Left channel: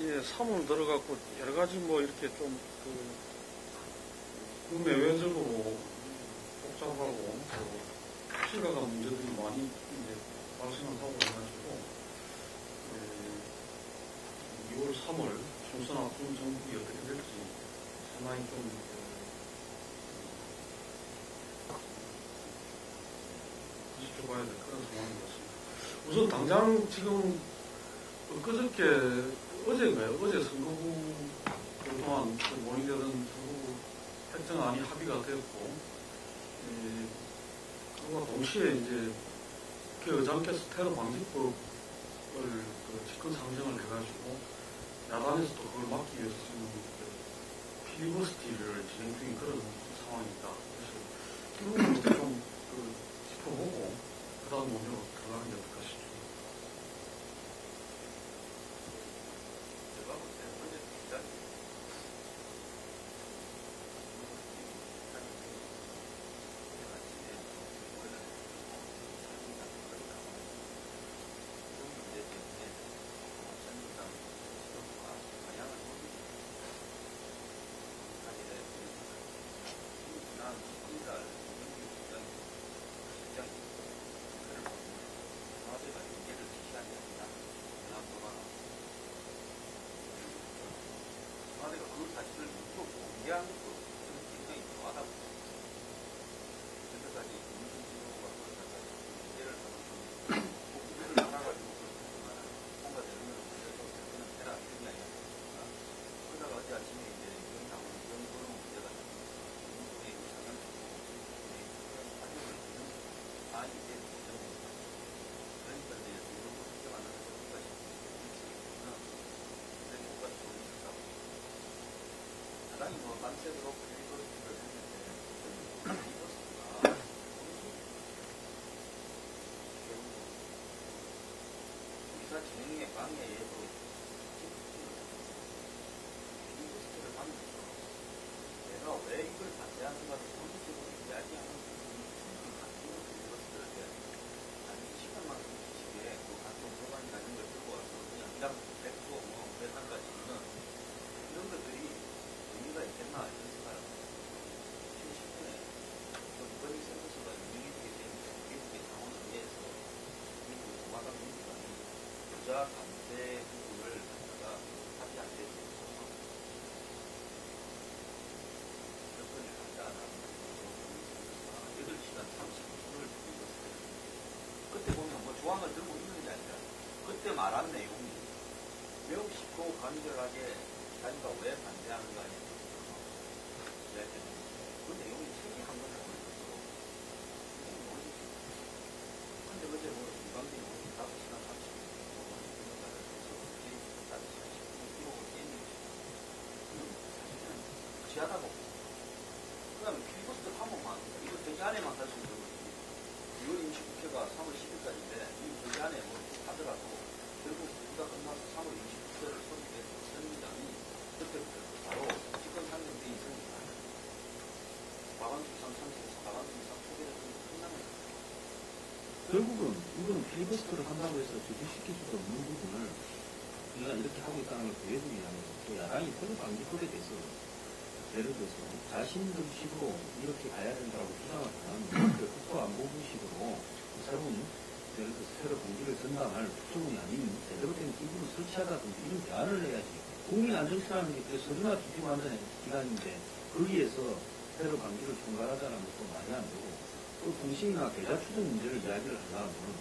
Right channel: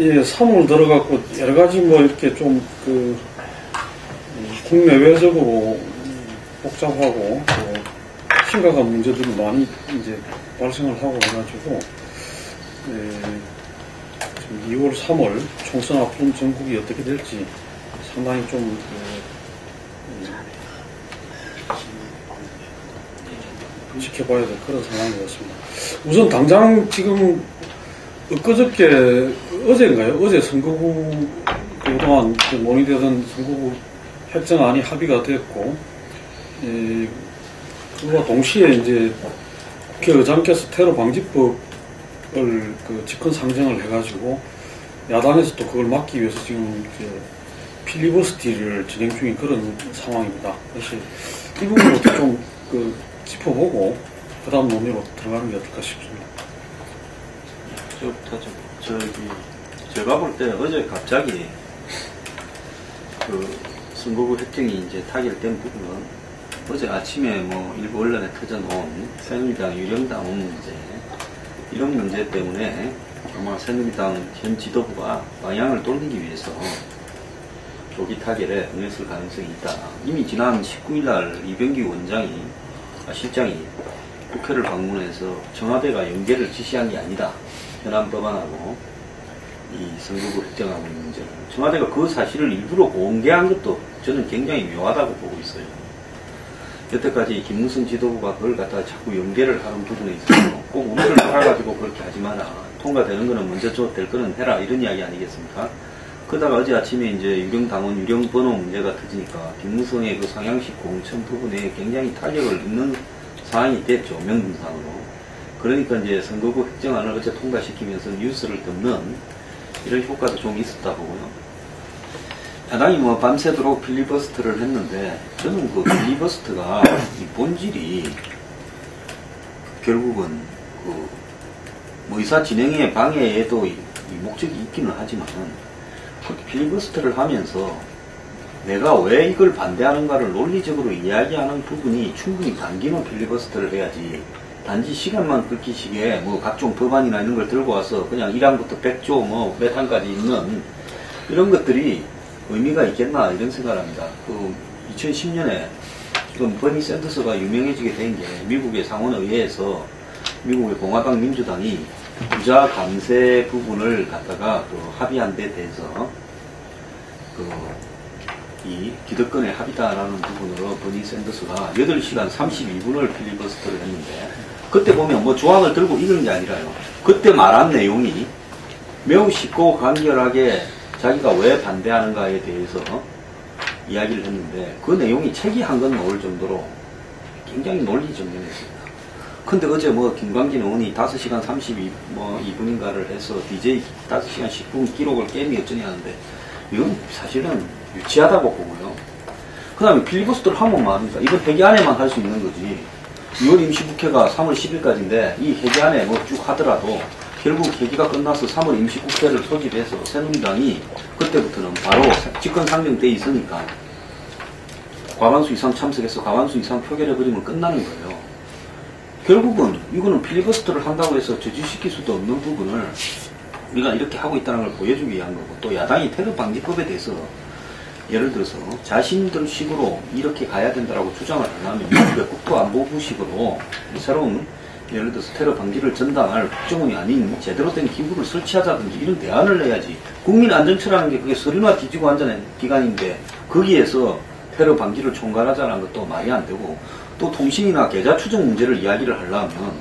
예, 3월 들어갔고 여러 가지 뭐 이렇게 좀 국내외적으로 복잡하고 또 심각한 문제들이 많이 이제 발생을 하고 해가지고 지금 2월, 3월 총선 앞둔 전국이 어떻게 될지 상당히 좀 지켜봐야 될 그런 상황인 것 같습니다. 우선 당장 지금 엊그저께 어제인가요? 어제 선거구 그동안 논의되던 선거구 획정안이 합의가 됐고 그와 동시에 이제 국회의장께서 테러 방지법을 직권 상정을 해가지고 야당에서 또 그걸 막기 위해서 지금 필리버스터를 진행 중인 그런 상황입니다. 그래서 이 부분부터 좀 짚어보고 그 다음 논의로 들어가는 게 어떨까 싶습니다. 제가 볼 때 어제 갑자기 선거구 획정이 이제 타결된 부분은 어제 아침에 뭐 일부 언론에 터져놓은 새누리당 유령당 문제, 이런 문제 때문에 아마 새누리당 현 지도부가 방향을 돌리기 위해서 조기 타결에 응했을 가능성이 있다. 이미 지난 19일날 이병기 실장이 국회를 방문해서 청와대가 연계를 지시한 게 아니다. 현안 법안하고 이 선거구 획정하고 있는 문제는 청와대가 그 사실을 일부러 공개한 것도 저는 굉장히 묘하다고 보고 있어요. 여태까지 김무성 지도부가 그걸 갖다가 자꾸 연계를 하는 부분에 있어서 꼭 우리를 팔아가지고 그렇게 하지 마라. 통과되는 거는 먼저 될 거는 해라. 이런 이야기 아니겠습니까? 그러다가 어제 아침에 이제 유령당원 유령번호 문제가 터지니까 김무성의 그 상향식 공천 부분에 굉장히 탄력을 입는 상황이 됐죠. 명분상으로. 그러니까 이제 선거구 획정안을 어제 통과시키면서 뉴스를 듣는 이런 효과도 좀 있었다 보고요. 야당이 뭐 밤새도록 필리버스터를 했는데 저는 그 필리버스터가 이 본질이 결국은 뭐 의사 진행에 방해에도 이 목적이 있기는 하지만 필리버스터를 하면서 내가 왜 이걸 반대하는가를 논리적으로 이야기하는 부분이 충분히 담기는 필리버스터를 해야지, 단지 시간만 끌기식에 뭐 각종 법안이나 이런 걸 들고 와서 그냥 1항부터 100조 뭐 몇 항까지 있는 이런 것들이 의미가 있겠나 이런 생각을 합니다. 2010년에 지금 버니 샌더스가 유명해지게 된 게 미국의 상원의회에서 미국의 공화당 민주당이 부자 감세 부분을 갖다가 합의한 데 대해서 이 기득권의 합의다라는 부분으로 버니 샌더스가 8시간 32분을 필리버스터를 했는데, 그때 보면 뭐 조항을 들고 읽은 게 아니라요. 그때 말한 내용이 매우 쉽고 간결하게 자기가 왜 반대하는가에 대해서 이야기를 했는데 그 내용이 책이 한 권 나올 정도로 굉장히 논리정연했습니다. 근데 어제 뭐 김광진 의원이 5시간 32분인가를 해서 DJ 5시간 10분 기록을 게임이 어쩌니 하는데 이건 사실은 유치하다고 보고요. 그 다음에 필리버스터를 하면 말입니다. 이건 회기 안에만 할 수 있는 거지. 6월 임시국회가 3월 10일까지인데 이 회기 안에 뭐 쭉 하더라도 결국 회기가 끝나서 3월 임시국회를 소집해서 새누리당이 그때부터는 바로 집권 상정돼 있으니까 과반수 이상 참석해서 과반수 이상 표결해버리면 끝나는 거예요. 결국은 이거는 필리버스터를 한다고 해서 저지시킬 수도 없는 부분을 우리가 이렇게 하고 있다는 걸 보여주기 위한 거고, 또 야당이 테러 방지법에 대해서 예를 들어서 자신들 식으로 이렇게 가야 된다라고 주장을 하려면 미국의 국토안보부식으로 새로운 예를 들어서 테러 방지를 전담할 국정원이 아닌 제대로 된 기구를 설치하자든지 이런 대안을 내야지. 국민안전처라는 게 그게 서류나 뒤지고 앉아낸 기관인데 거기에서 테러 방지를 총괄하자는 것도 말이 안 되고, 또 통신이나 계좌 추적 문제를 이야기를 하려면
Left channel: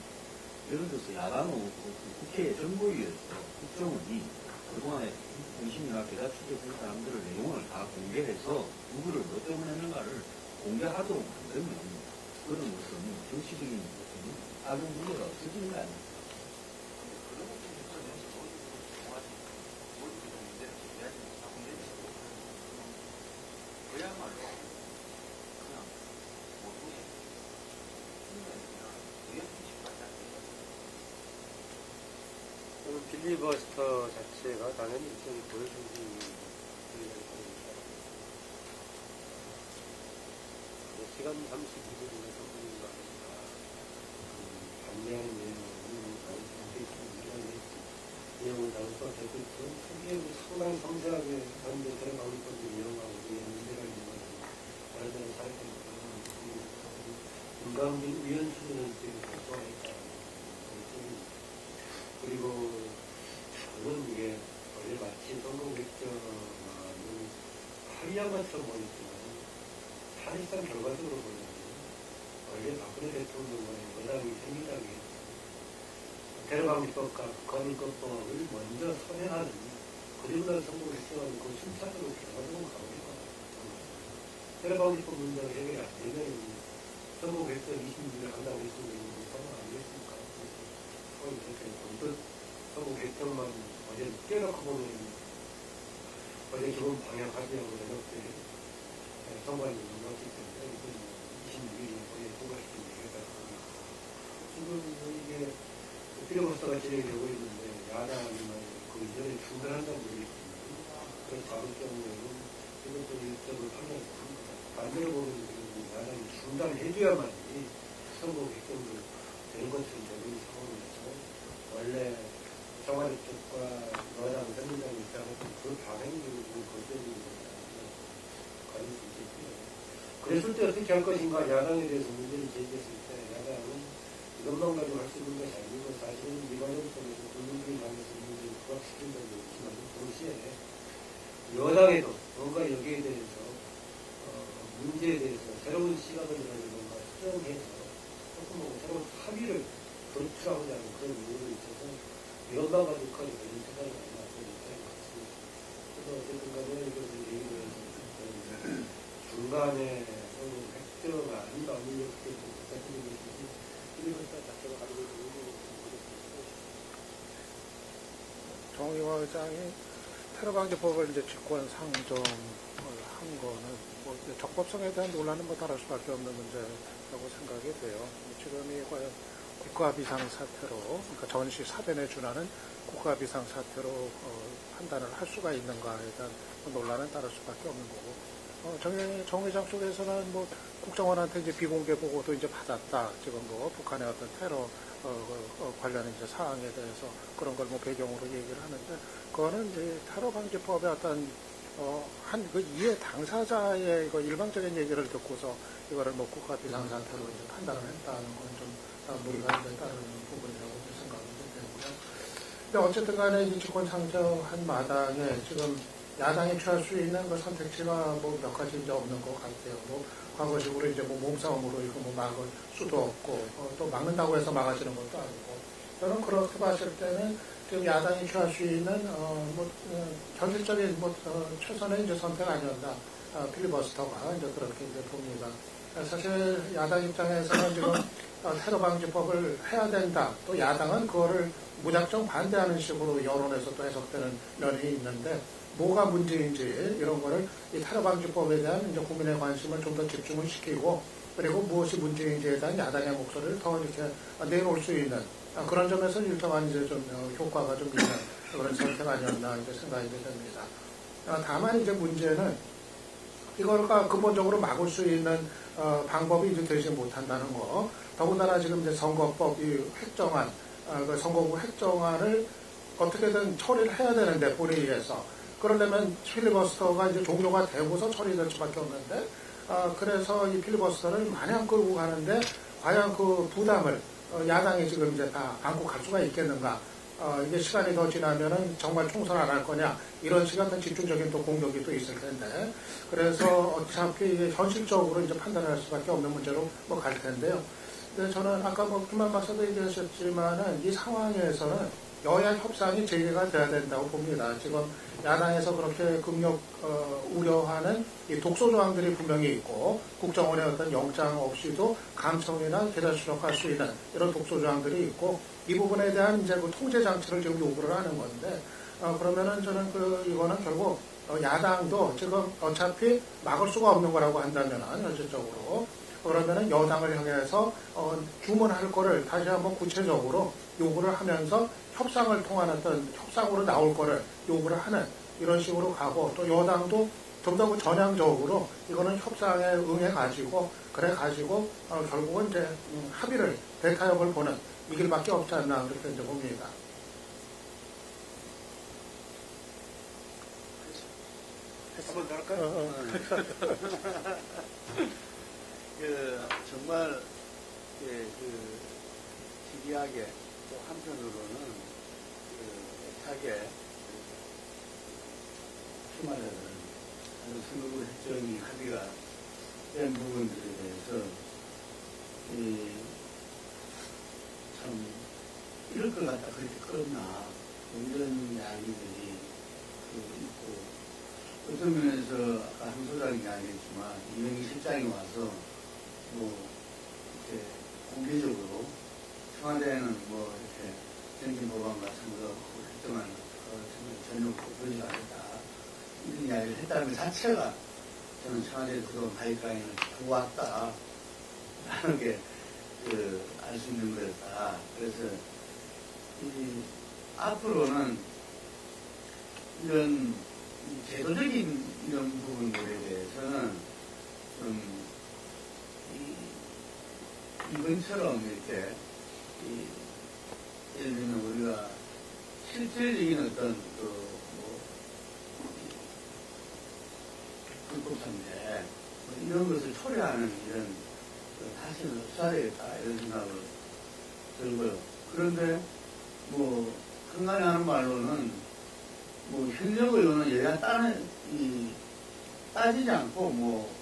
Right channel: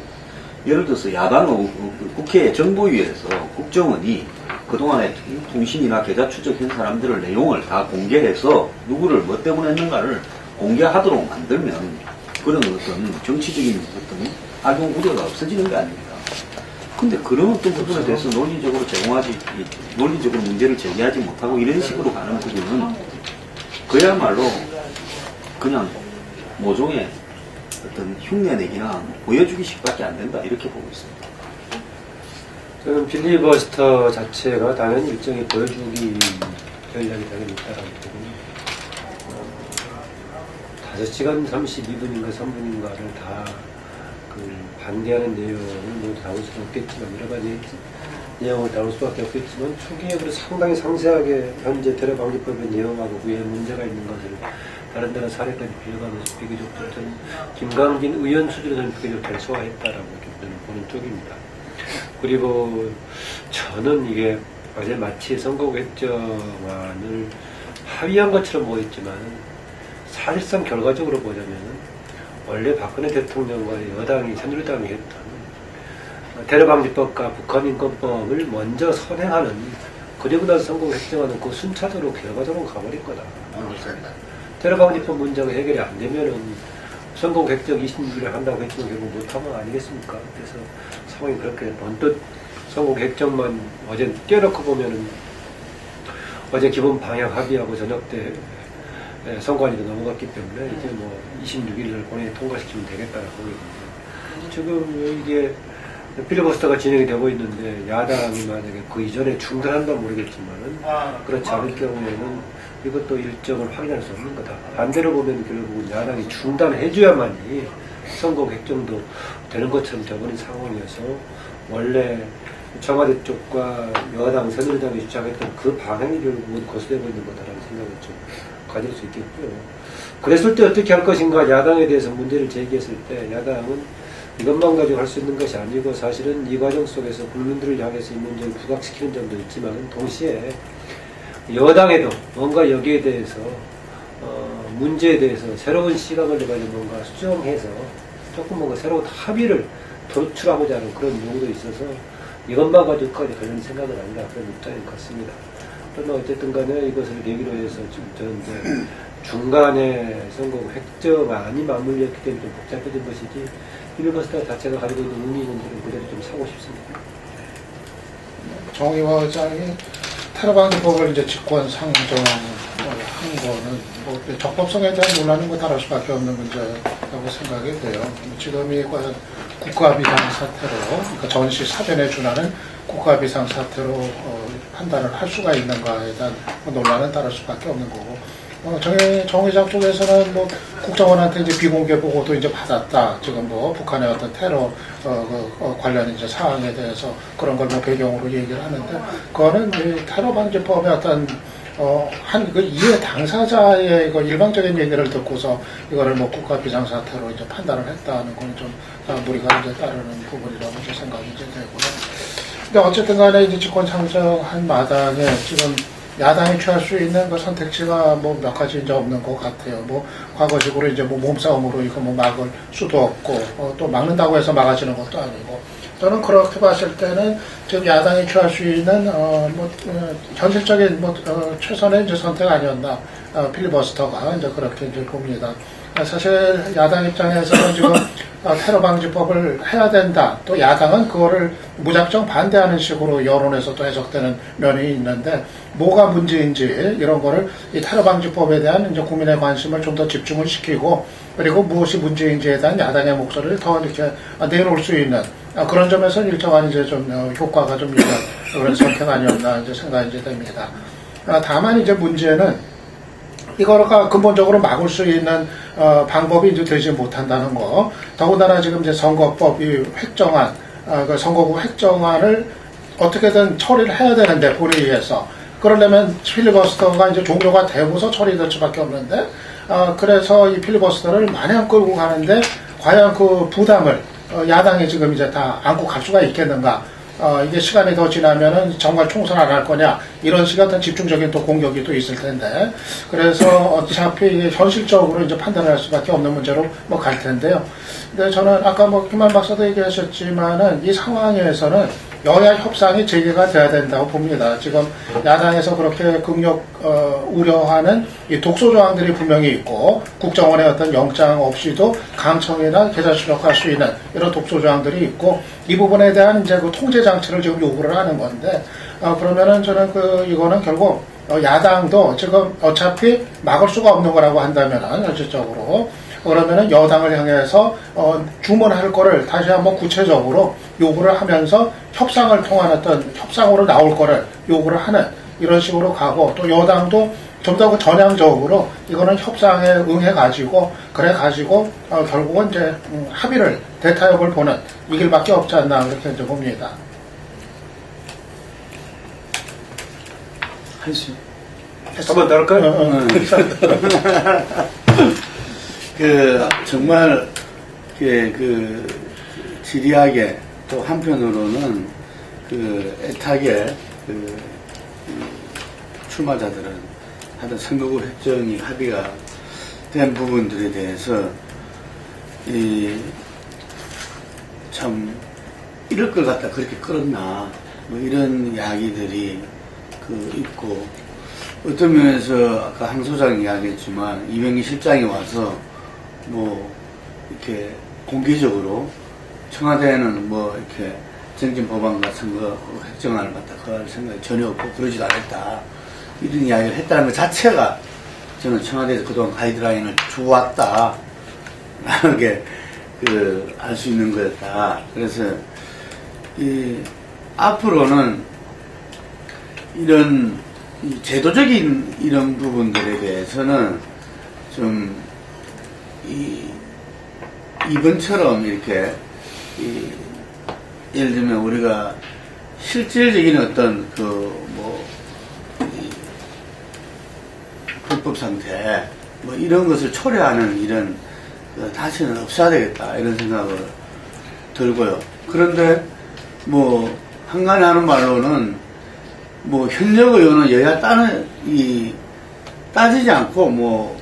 예를 들어서 야당의 국회 정보위에서 국정원이 그동안에 통신이나 계좌 추적한 사람들의 내용을 다 공개해서 누구를 뭐 때문에 했는가를 공개하도록 만들면 그런 어떤 정치적인 어떤 악용 우려가 없어지는 게 아닙니까? 근데 그런 어떤 부분에 대해서 논리적으로 문제를 제기하지 못하고 이런 식으로 가는 부분은 그야말로 그냥 모종의 어떤 흉내내기나 보여주기식밖에 안 된다, 이렇게 보고 있습니다. 저는 필리버스터 자체가 당연히 일종의 보여주기 전략이 당연히 있다라고 보고, 5시간 32분인가 3분인가를 다 반대하는 내용은 뭐 나올 수는 없겠지만 여러 가지 내용을 다룰 수밖에 없겠지만 초기에 그 상당히 상세하게 현재 테러방지법의 내용하고 위에 문제가 있는 것을 다른 나라 사례까지 비교하면서 비교적 저는 김광진 의원 수준에서는 비교적 잘 소화했다라고 저는 보는 쪽입니다. 그리고 저는 이게 어제 마치 선거개정안을 합의한 것처럼 보였지만 사실상 결과적으로 보자면 원래 박근혜 대통령과 여당이 새누리당이 했던 테러방지법과 북한인권법을 먼저 선행하는, 그리고 나서 선거개정안은 그 순차적으로 결과적으로 가버릴 거다. 테러방지법 문제가 해결이 안 되면은 선거개정 26일에 한다고 했지만 결국 못하면 아니겠습니까? 그래서 상황이 그렇게 번뜩 선거개정만 어제 떼어놓고 보면은 어제 기본 방향 합의하고 저녁 때 선관위도 넘어갔기 때문에 이제 뭐 26일을 본회의에 통과시키면 되겠다라고 보거든요. 지금 이게 필리버스터가 진행이 되고 있는데 야당이 만약에 그 이전에 중단한다면 모르겠지만은 그렇지 않을 경우에는 이것도 일정을 확인할 수 없는 거다. 반대로 보면 결국은 야당이 중단해줘야만이 선거 개정도 되는 것처럼 되어버린 상황이어서 원래 청와대 쪽과 여당, 새누리당이 주장했던 그 방향이 결국은 거스되고 있는 거다라는 생각을 좀 가질 수 있겠고요. 그랬을 때 어떻게 할 것인가, 야당에 대해서 문제를 제기했을 때 야당은 이것만 가지고 할 수 있는 것이 아니고 사실은 이 과정 속에서 국민들을 향해서 이 문제를 부각시키는 점도 있지만 동시에 여당에도 뭔가 여기에 대해서 문제에 대해서 새로운 시각을 가지고 뭔가 수정해서 조금 뭔가 새로운 합의를 도출하고자 하는 그런 요구도 있어서 이것만 가지고까지 그런 생각은 아니라 그런 입장인 것 같습니다. 그러나 어쨌든 간에 이것을 계기로 해서 지금 이제 중간에 선거 획정안이 맞물렸기 때문에 좀 복잡해진 것이지 필리버스터 자체가 가지고 있는 의미 있는 점은 그대로 좀 사고 싶습니다. 정의화 의장이 테러방지법을 이제 직권 상정한 거는 뭐 적법성에 대한 논란인 거 다를 수밖에 없는 문제라고 생각이 돼요. 지금이 과연 국가비상 사태로, 그러니까 전시 사전에 준하는 국가비상 사태로 판단을 할 수가 있는가에 대한 논란은 다를 수밖에 없는 거고. 정 의장 쪽에서는 뭐 국정원한테 이제 비공개 보고도 이제 받았다. 지금 뭐 북한의 어떤 테러 관련 이제 사항에 대해서 그런 걸 뭐 배경으로 얘기를 하는데, 그거는 이 테러 방지법의 어떤 한 그 이해 당사자의 그 일방적인 얘기를 듣고서 이거를 뭐 국가 비상사태로 이제 판단을 했다는 건 좀 무리가 이제 따르는 부분이라고 이제 생각이 이제 되고요. 근데 어쨌든 간에 이제 집권 상정한 마당에 지금 야당이 취할 수 있는 그 선택지가 뭐 몇 가지 이제 없는 것 같아요. 뭐 과거식으로 이제 뭐 몸싸움으로 이거 뭐 막을 수도 없고 또 막는다고 해서 막아지는 것도 아니고, 저는 그렇게 봤을 때는 지금 야당이 취할 수 있는 현실적인 최선의 이제 선택 아니었나, 필리버스터가 이제 그렇게 이제 봅니다. 사실 야당 입장에서는 지금 테러 방지법을 해야 된다. 또 야당은 그거를 무작정 반대하는 식으로 여론에서도 해석되는 면이 있는데, 뭐가 문제인지 이런 거를 이 테러 방지법에 대한 이제 국민의 관심을 좀 더 집중을 시키고, 그리고 무엇이 문제인지에 대한 야당의 목소리를 더 이렇게 내놓을 수 있는 그런 점에서 일정한 이제 좀 효과가 좀 있는 그런 선택 아니었나 이제 생각이 이제 됩니다. 다만 이제 문제는 이거가 근본적으로 막을 수 있는 방법이 이제 되지 못한다는 거. 더군다나 지금 이제 선거법 이 획정안, 그 선거구 획정안을 어떻게든 처리를 해야 되는데 본회의에서, 그러려면 필리버스터가 이제 종료가 되고서 처리될 수밖에 없는데, 그래서 이 필리버스터를 마냥 끌고 가는데 과연 그 부담을 야당이 지금 이제 다 안고 갈 수가 있겠는가? 이게 시간이 더 지나면은 정말 총선 안 할 거냐, 이런 식의 어떤 집중적인 또 공격이 또 있을 텐데, 그래서 어차피 현실적으로 이제 판단을 할 수밖에 없는 문제로 뭐 갈 텐데요. 근데 저는 아까 뭐 김한 박사도 얘기하셨지만은 이 상황에서는 여야 협상이 재개가 돼야 된다고 봅니다. 지금 야당에서 그렇게 극력 우려하는 이 독소 조항들이 분명히 있고, 국정원의 어떤 영장 없이도 강청이나 계좌 출력할 수 있는 이런 독소 조항들이 있고, 이 부분에 대한 이제 그 통제 장치를 지금 요구를 하는 건데, 그러면은 저는 이거는 결국 야당도 지금 어차피 막을 수가 없는 거라고 한다면은 현실적으로, 그러면은 여당을 향해서 주문할 거를 다시 한번 구체적으로 요구를 하면서 협상을 통한 어떤 협상으로 나올 거를 요구를 하는 이런 식으로 가고, 또 여당도 좀 더 전향적으로 이거는 협상에 응해가지고 그래가지고 결국은 이제 합의를 대타협을 보는 이 길밖에 없지 않나 그렇게 이제 봅니다. 했어요. 한번 더 할까요? 정말 지리하게 또 한편으로는 애타게 출마자들은 하여튼 선거구 획정이 합의가 된 부분들에 대해서 참 이럴 걸 갖다 그렇게 끌었나 뭐 이런 이야기들이 있고, 어떤 면에서 아까 황 소장이 이야기했지만 이명희 실장이 와서 뭐 이렇게 공개적으로 청와대에는 뭐 이렇게 정진 법안과 선거 획정안을 갖다 할 생각이 전혀 없고 그러지도 않았다, 이런 이야기를 했다는 것 자체가 저는 청와대에서 그동안 가이드라인을 주었다 라는 게 알 수 있는 거였다. 그래서 앞으로는 이런 제도적인 이런 부분들에 대해서는 좀 이번처럼 이렇게 예를 들면 우리가 실질적인 어떤 불법 상태 뭐 이런 것을 초래하는 이런 다시는 없어야 되겠다 이런 생각을 들고요. 그런데 뭐 한간에 하는 말로는 뭐 현역 의원은 여야 따지지 않고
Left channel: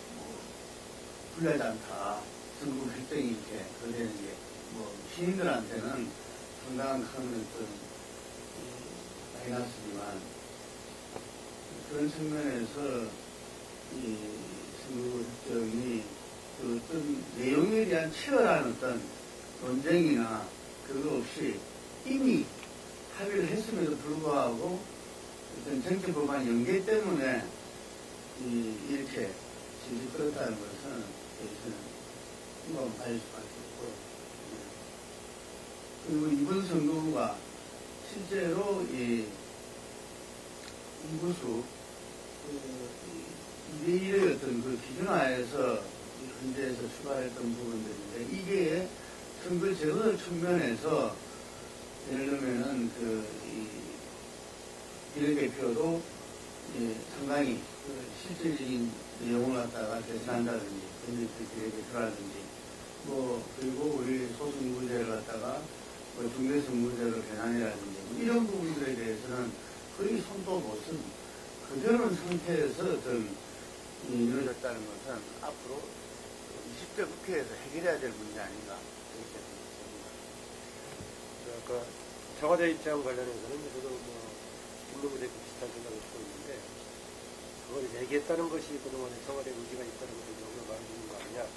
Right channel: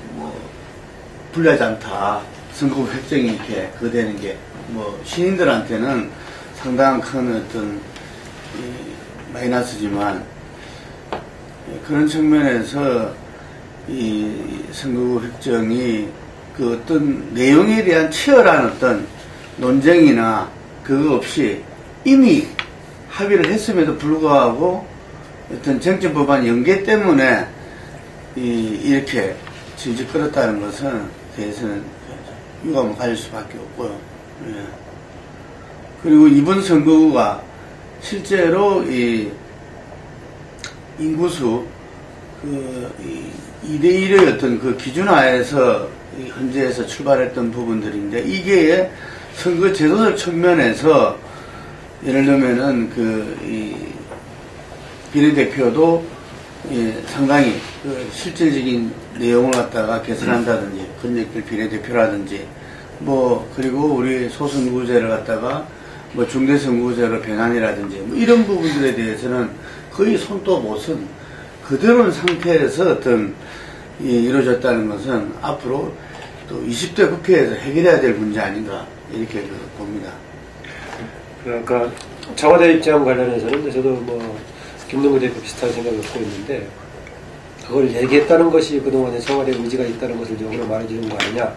불리하지 않다, 선거구 획정이 이렇게 되는 게 뭐 시민들한테는 상당한 큰 어떤 마이너스지만, 그런 측면에서 이 선거구 획정이 어떤 내용에 대한 치열한 어떤 논쟁이나 그거 없이 이미 합의를 했음에도 불구하고 어떤 정치 법안 연계 때문에 이렇게 질질 끌었다는 것은 대해서는 유감을 가질 수밖에 없고요. 예. 그리고 이번 선거구가 실제로 인구수 2대1의 어떤 기준하에서 현재에서 출발했던 부분들인데, 이게 선거 제도적 측면에서 예를 들면은 비례대표도 상당히 실질적인 내용을 갖다가 개선한다든지, 권역별 비례대표라든지, 그리고 우리 소선거구제를 갖다가 중대선거구제로 변환이라든지, 이런 부분들에 대해서는 거의 손도 못 쓴 그대로인 상태에서 어떤 이루어졌다는 것은 앞으로 또 20대 국회에서 해결해야 될 문제 아닌가, 이렇게 봅니다. 그러니까 청와대 입장 관련해서는 저도 김동구 대표 비슷한 생각을 갖고 있는데, 그걸 얘기했다는 것이 그동안에 청와대 의지가 있다는 것을 역으로 말해주는 거 아니냐.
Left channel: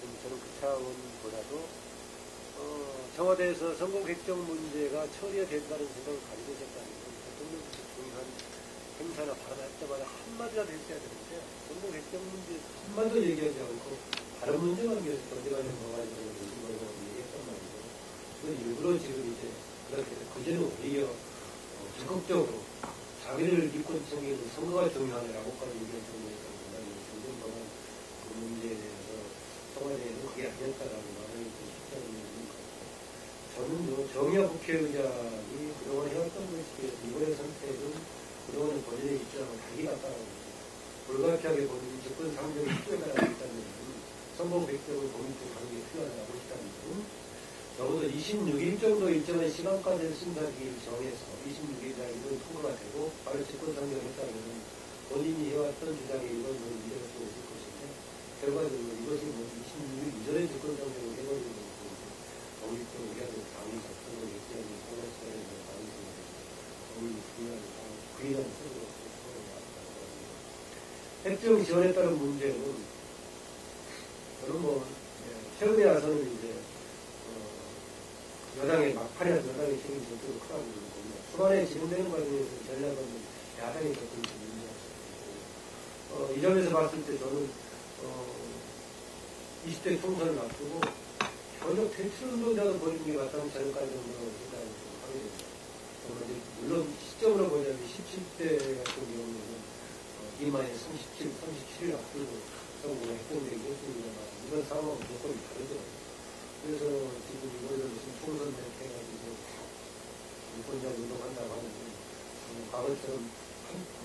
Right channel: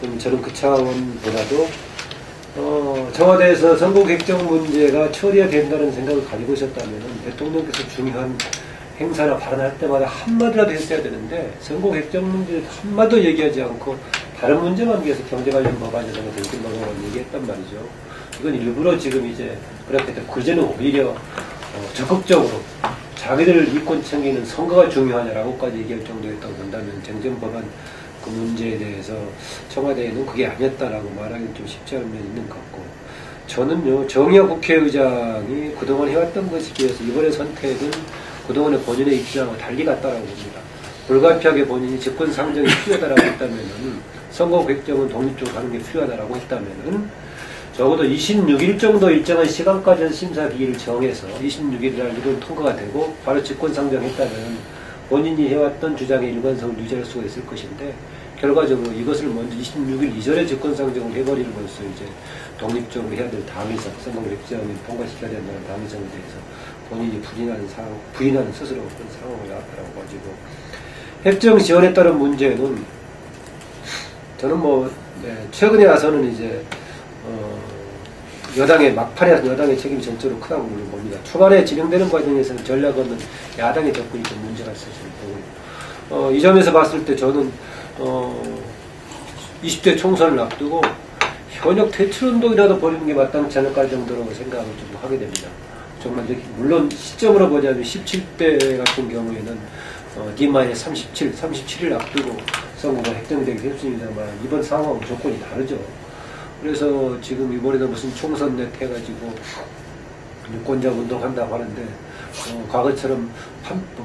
그럼 저는 그 차원보다도 청와대에서 선거 획정 문제가 처리해야 된다는 생각을 가지고 있었다면 대통령께서 중요한 행사나 발언할 때마다 한마디라도 했어야 되는데, 선거 획정 문제 한마디도 얘기하지 않고 다른 문제만 위해서 경제 관련 법안이라고 정신 법안을 얘기했단 말이죠. 이건 일부러 지금 이제 그렇게 그제는 오히려 적극적으로 자기들 이권 챙기는 선거가 중요하냐라고까지 얘기할 정도였다고 본다면 정전법안 그 문제에 대해서 청와대에는 그게 아니었다라고 말하기는 좀 쉽지 않은 면이 있는 것 같고, 저는요 정의화 국회의장이 그동안 해왔던 것에 비해서 이번에 선택은 그동안의 본인의 입장과 달리 갔다라고 봅니다. 불가피하게 본인이 직권 상정이 필요하다라고 했다면은, 선거 획정은 독립적으로 하는 게 필요하다라고 했다면은, 적어도 26일 정도 일정한 시간까지 심사 기일을 정해서 26일이라는 일은 통과가 되고 바로 직권 상정했다면 본인이 해왔던 주장의 일관성을 유지할 수가 있을 것인데, 결과적으로 이것을 먼저 26일 이전에 직권 상정을 해버림으로써 이제 독립적으로 해야 될 당위성, 선거 획정을 통과시켜야 된다는 당위성에 대해서 본인이 부인하는 스스로 그런 상황을 나왔다고 가지고, 획정 지원에 따른 문제는 저는 최근에 와서는 이제 막판에 여당의 책임이 전적으로 크다고 봅니다. 초반에 진행되는 과정에서는 전략 없는 야당의 접근이 좀 문제가 있었을 거고, 이 점에서 봤을 때 저는 20대 총선을 앞두고 현역 퇴출운동이라도 벌이는 게 마땅치 않을까 정도로 생각을 좀 하게 됩니다. 정말 물론 시점으로 보자면 17대 같은 경우에는 D-37, 37일 앞두고 선거가 획정되기 했습니다만, 이번 상황은 조건이 다르죠. 그래서 지금 이번에도 무슨 총선 넷 해가지고 유권자 운동한다고 하는데, 과거처럼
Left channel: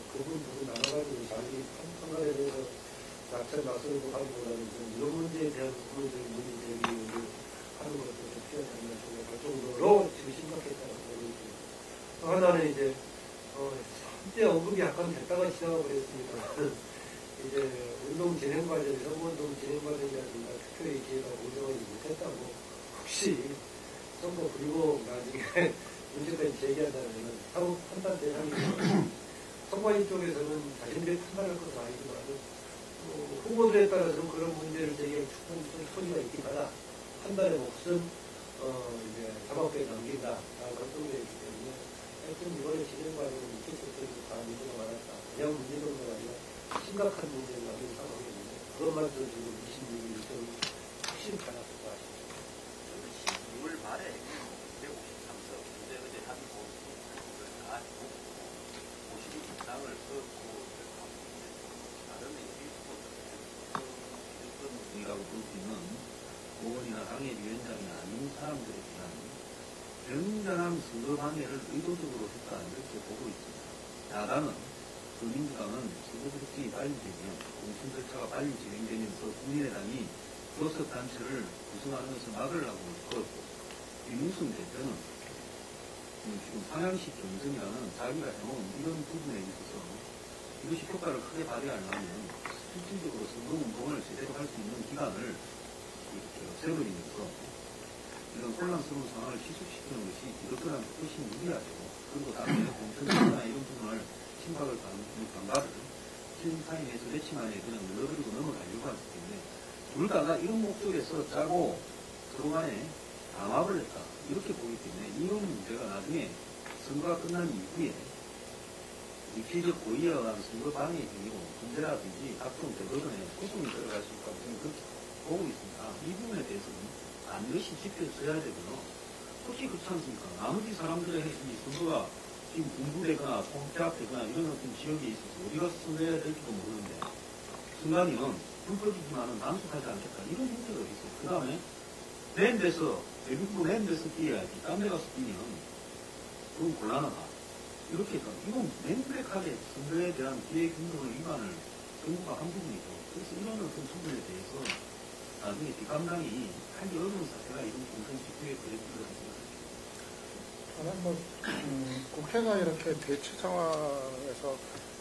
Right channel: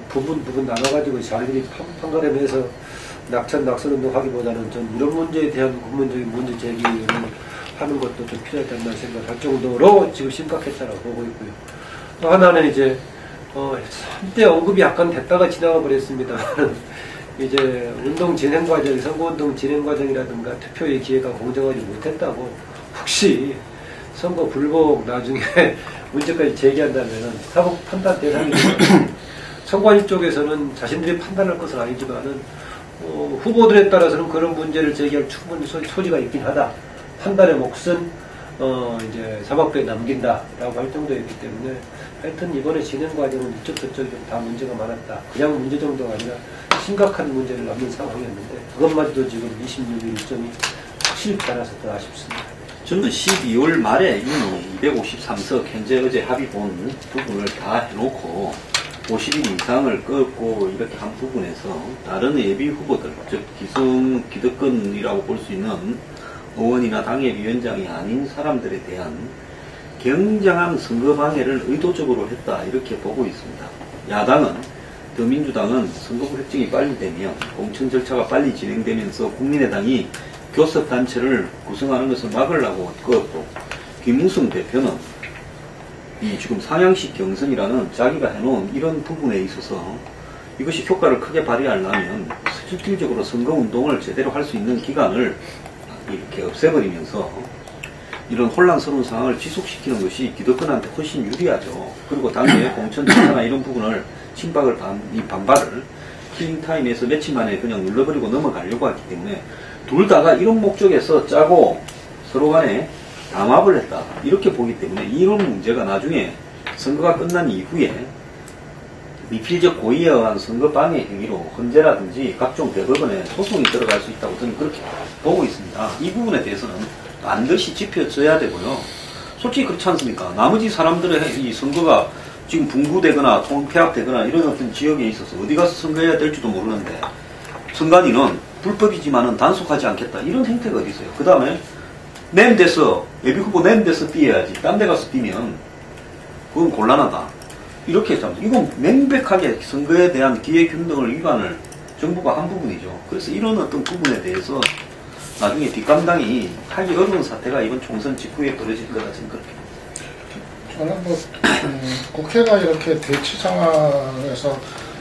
부분 나눠가지고 자기들이 판가름해서 낙선운동 하기보다는 전 이런 문제에 대한 근본적인 문제 제기를 하는 것도 좀 필요하지 않나 생각할 정도로 지금 심각했다고 보고 있고요. 또 하나는 이제 한때 언급이 약간 됐다가 지나가 버렸습니다. 이제 운동 진행 과정, 선거운동 진행 과정이라든가 투표의 기회가 공정하지 못했다고 혹시 선거 불복 나중에 문제까지 제기한다면 사법 판단 대상이 선관위 쪽에서는 자신들이 판단할 것은 아니지만은 후보들에 따라서는 그런 문제를 제기할 충분히 소지가 있긴 하다. 판단의 몫은 이제 사법부에 남긴다라고 할 정도였기 때문에 하여튼 이번에 진행 과정은 이쪽 저쪽이 다 문제가 많았다. 그냥 문제 정도가 아니라 심각한 문제를 남긴 상황이었는데 그것마저도 지금 26일 일정이 확실히 달아서 더 아쉽습니다. 저는 12월 말에 이미 253석 현재 어제 합의본 부분을 다 해놓고 50일 이상을 끌고 이렇게 한 부분에서 다른 예비 후보들, 즉 기득권이라고 볼 수 있는 의원이나 당협위원장이 아닌 사람들에 대한 굉장한 선거 방해를 의도적으로 했다 이렇게 보고 있습니다. 야당은 더민주당은 선거구 획정이 빨리 되면 공천 절차가 빨리 진행되면서 국민의당이 교섭단체를 구성하는 것을 막으려고 그었고 김무성 대표는 이 지금 상향식 경선이라는 자기가 해놓은 이런 부분에 있어서 이것이 효과를 크게 발휘하려면 실질적으로 선거운동을 제대로 할 수 있는 기간을 이렇게 없애버리면서 이런 혼란스러운 상황을 지속시키는 것이 기득권한테 훨씬 유리하죠. 그리고 당내 공천 절차나 이런 부분을 반발을 킬링타임에서 며칠 만에 그냥 눌러버리고 넘어가려고 하기 때문에 둘 다가 이런 목적에서 짜고 서로 간에 담합을 했다 이렇게 보기 때문에 이런 문제가 나중에 선거가 끝난 이후에 미필적 고의에 의한 선거 방해 행위로 헌재라든지 각종 대법원에 소송이 들어갈 수 있다고 저는 그렇게 보고 있습니다. 이 부분에 대해서는 반드시 짚어져야 되고요. 솔직히 그렇지 않습니까? 나머지 사람들의 이 선거가 지금 분구되거나 통폐합되거나 이런 어떤 지역에 있어서 어디 가서 선거해야 될지도 모르는데 선관위는 불법이지만은 단속하지 않겠다 이런 행태가 어디 있어요. 그 다음에 내임돼서 예비후보 내임돼서 뛰어야지 딴 데 가서 뛰면 그건 곤란하다 이렇게 참 이건 명백하게 선거에 대한 기획균등을 위반을 정부가 한 부분이죠. 그래서 이런 어떤 부분에 대해서 나중에 뒷감당이 하기 어려운 사태가 이번 총선 직후에 벌어질 거다 생각합니다. 저는 국회가 이렇게 대치 상황에서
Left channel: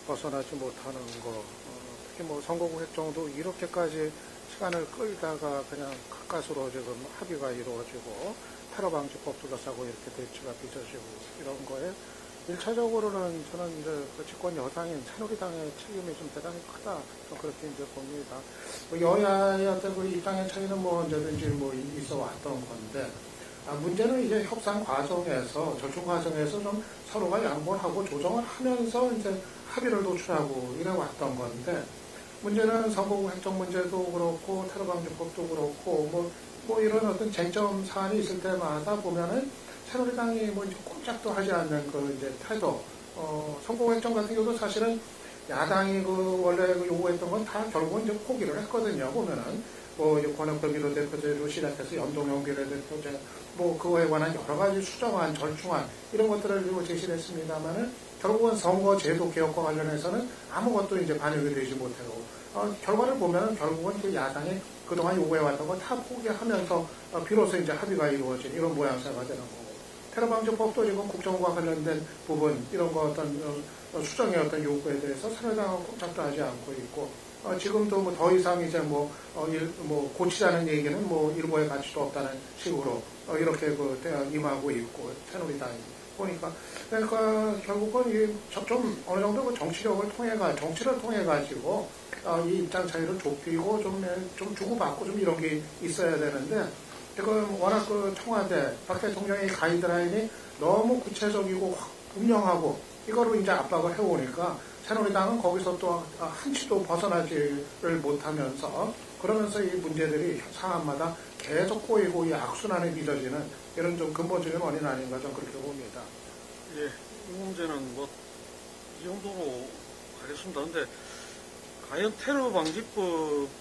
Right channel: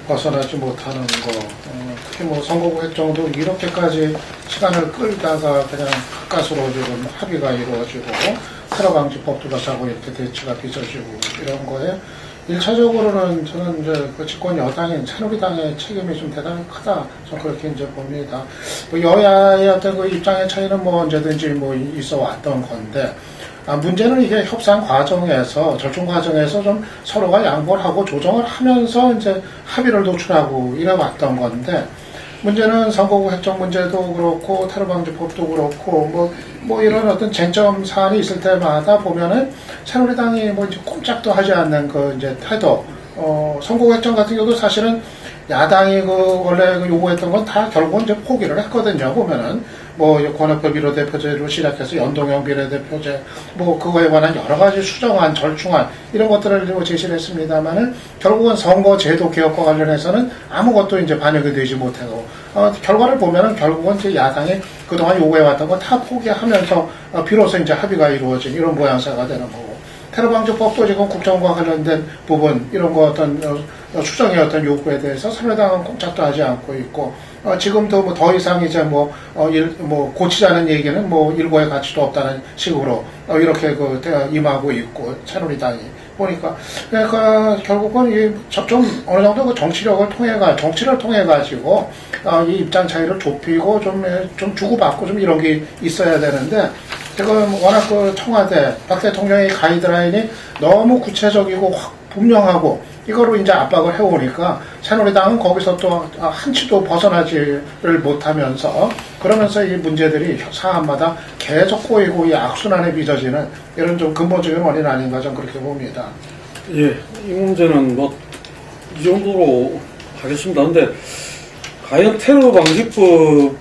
벗어나지 못하는 거, 특히 선거구 획정도 이렇게까지 시간을 끌다가 그냥 가까스로 지금 합의가 이루어지고 테러 방지법도 자고 이렇게 대치가 빚어지고 이런 거에 1차적으로는 저는 이제 그 집권 여당인 새누리당의 책임이 좀 대단히 크다. 저는 그렇게 이제 봅니다. 여야의 어떤 그 입장의 차이는 언제든지 있어 왔던 건데, 문제는 이게 협상 과정에서, 절충 과정에서 좀 서로가 양보를 하고 조정을 하면서 이제 합의를 도출하고 이래 왔던 건데, 문제는 선거구 획정 문제도 그렇고, 테러방지법도 그렇고, 이런 어떤 쟁점 사안이 있을 때마다 보면은, 새누리당이 이제 꼼짝도 하지 않는 이제 태도, 선거구 획정 같은 경우도 사실은 야당이 원래 요구했던 건 다 결국은 이제 포기를 했거든요, 보면은. 권역별 비례대표제로 시작해서 연동형 비례대표제, 그거에 관한 여러 가지 수정안, 절충안, 이런 것들을 제시를 했습니다만은, 결국은 선거제도 개혁과 관련해서는 아무것도 이제 반영이 되지 못하고, 결과를 보면은 결국은 이제 야당이 그동안 요구해왔던 거 다 포기하면서, 비로소 이제 합의가 이루어진 이런 모양새가 되는 거고, 테러방지법도 지금 국정과 관련된 부분, 이런 거 수정의 어떤 요구에 대해서 새누리당은 꼼짝도 하지 않고 있고, 지금도 더 이상 이제 고치자는 얘기는 일고의 가치도 없다는 식으로 이렇게 임하고 있고, 새누리당이 보니까, 그러니까 결국은 좀 어느 정도 정치를 통해 가지고 이 입장 차이를 좁히고 좀 주고받고 좀 이런 게 있어야 되는데, 지금 워낙 청와대 박 대통령의 가이드라인이 너무 구체적이고 분명하고 이거로 이제 압박을 해오니까 새누리당은 거기서 또 한치도 벗어나지를 못하면서 그러면서 이 문제들이 사안마다 계속 꼬이고 이 악순환에 빚어지는 이런 좀 근본적인 원인 아닌가 좀 그렇게 봅니다. 예, 이 문제는 이 정도로 하겠습니다. 근데 과연 테러 방지법을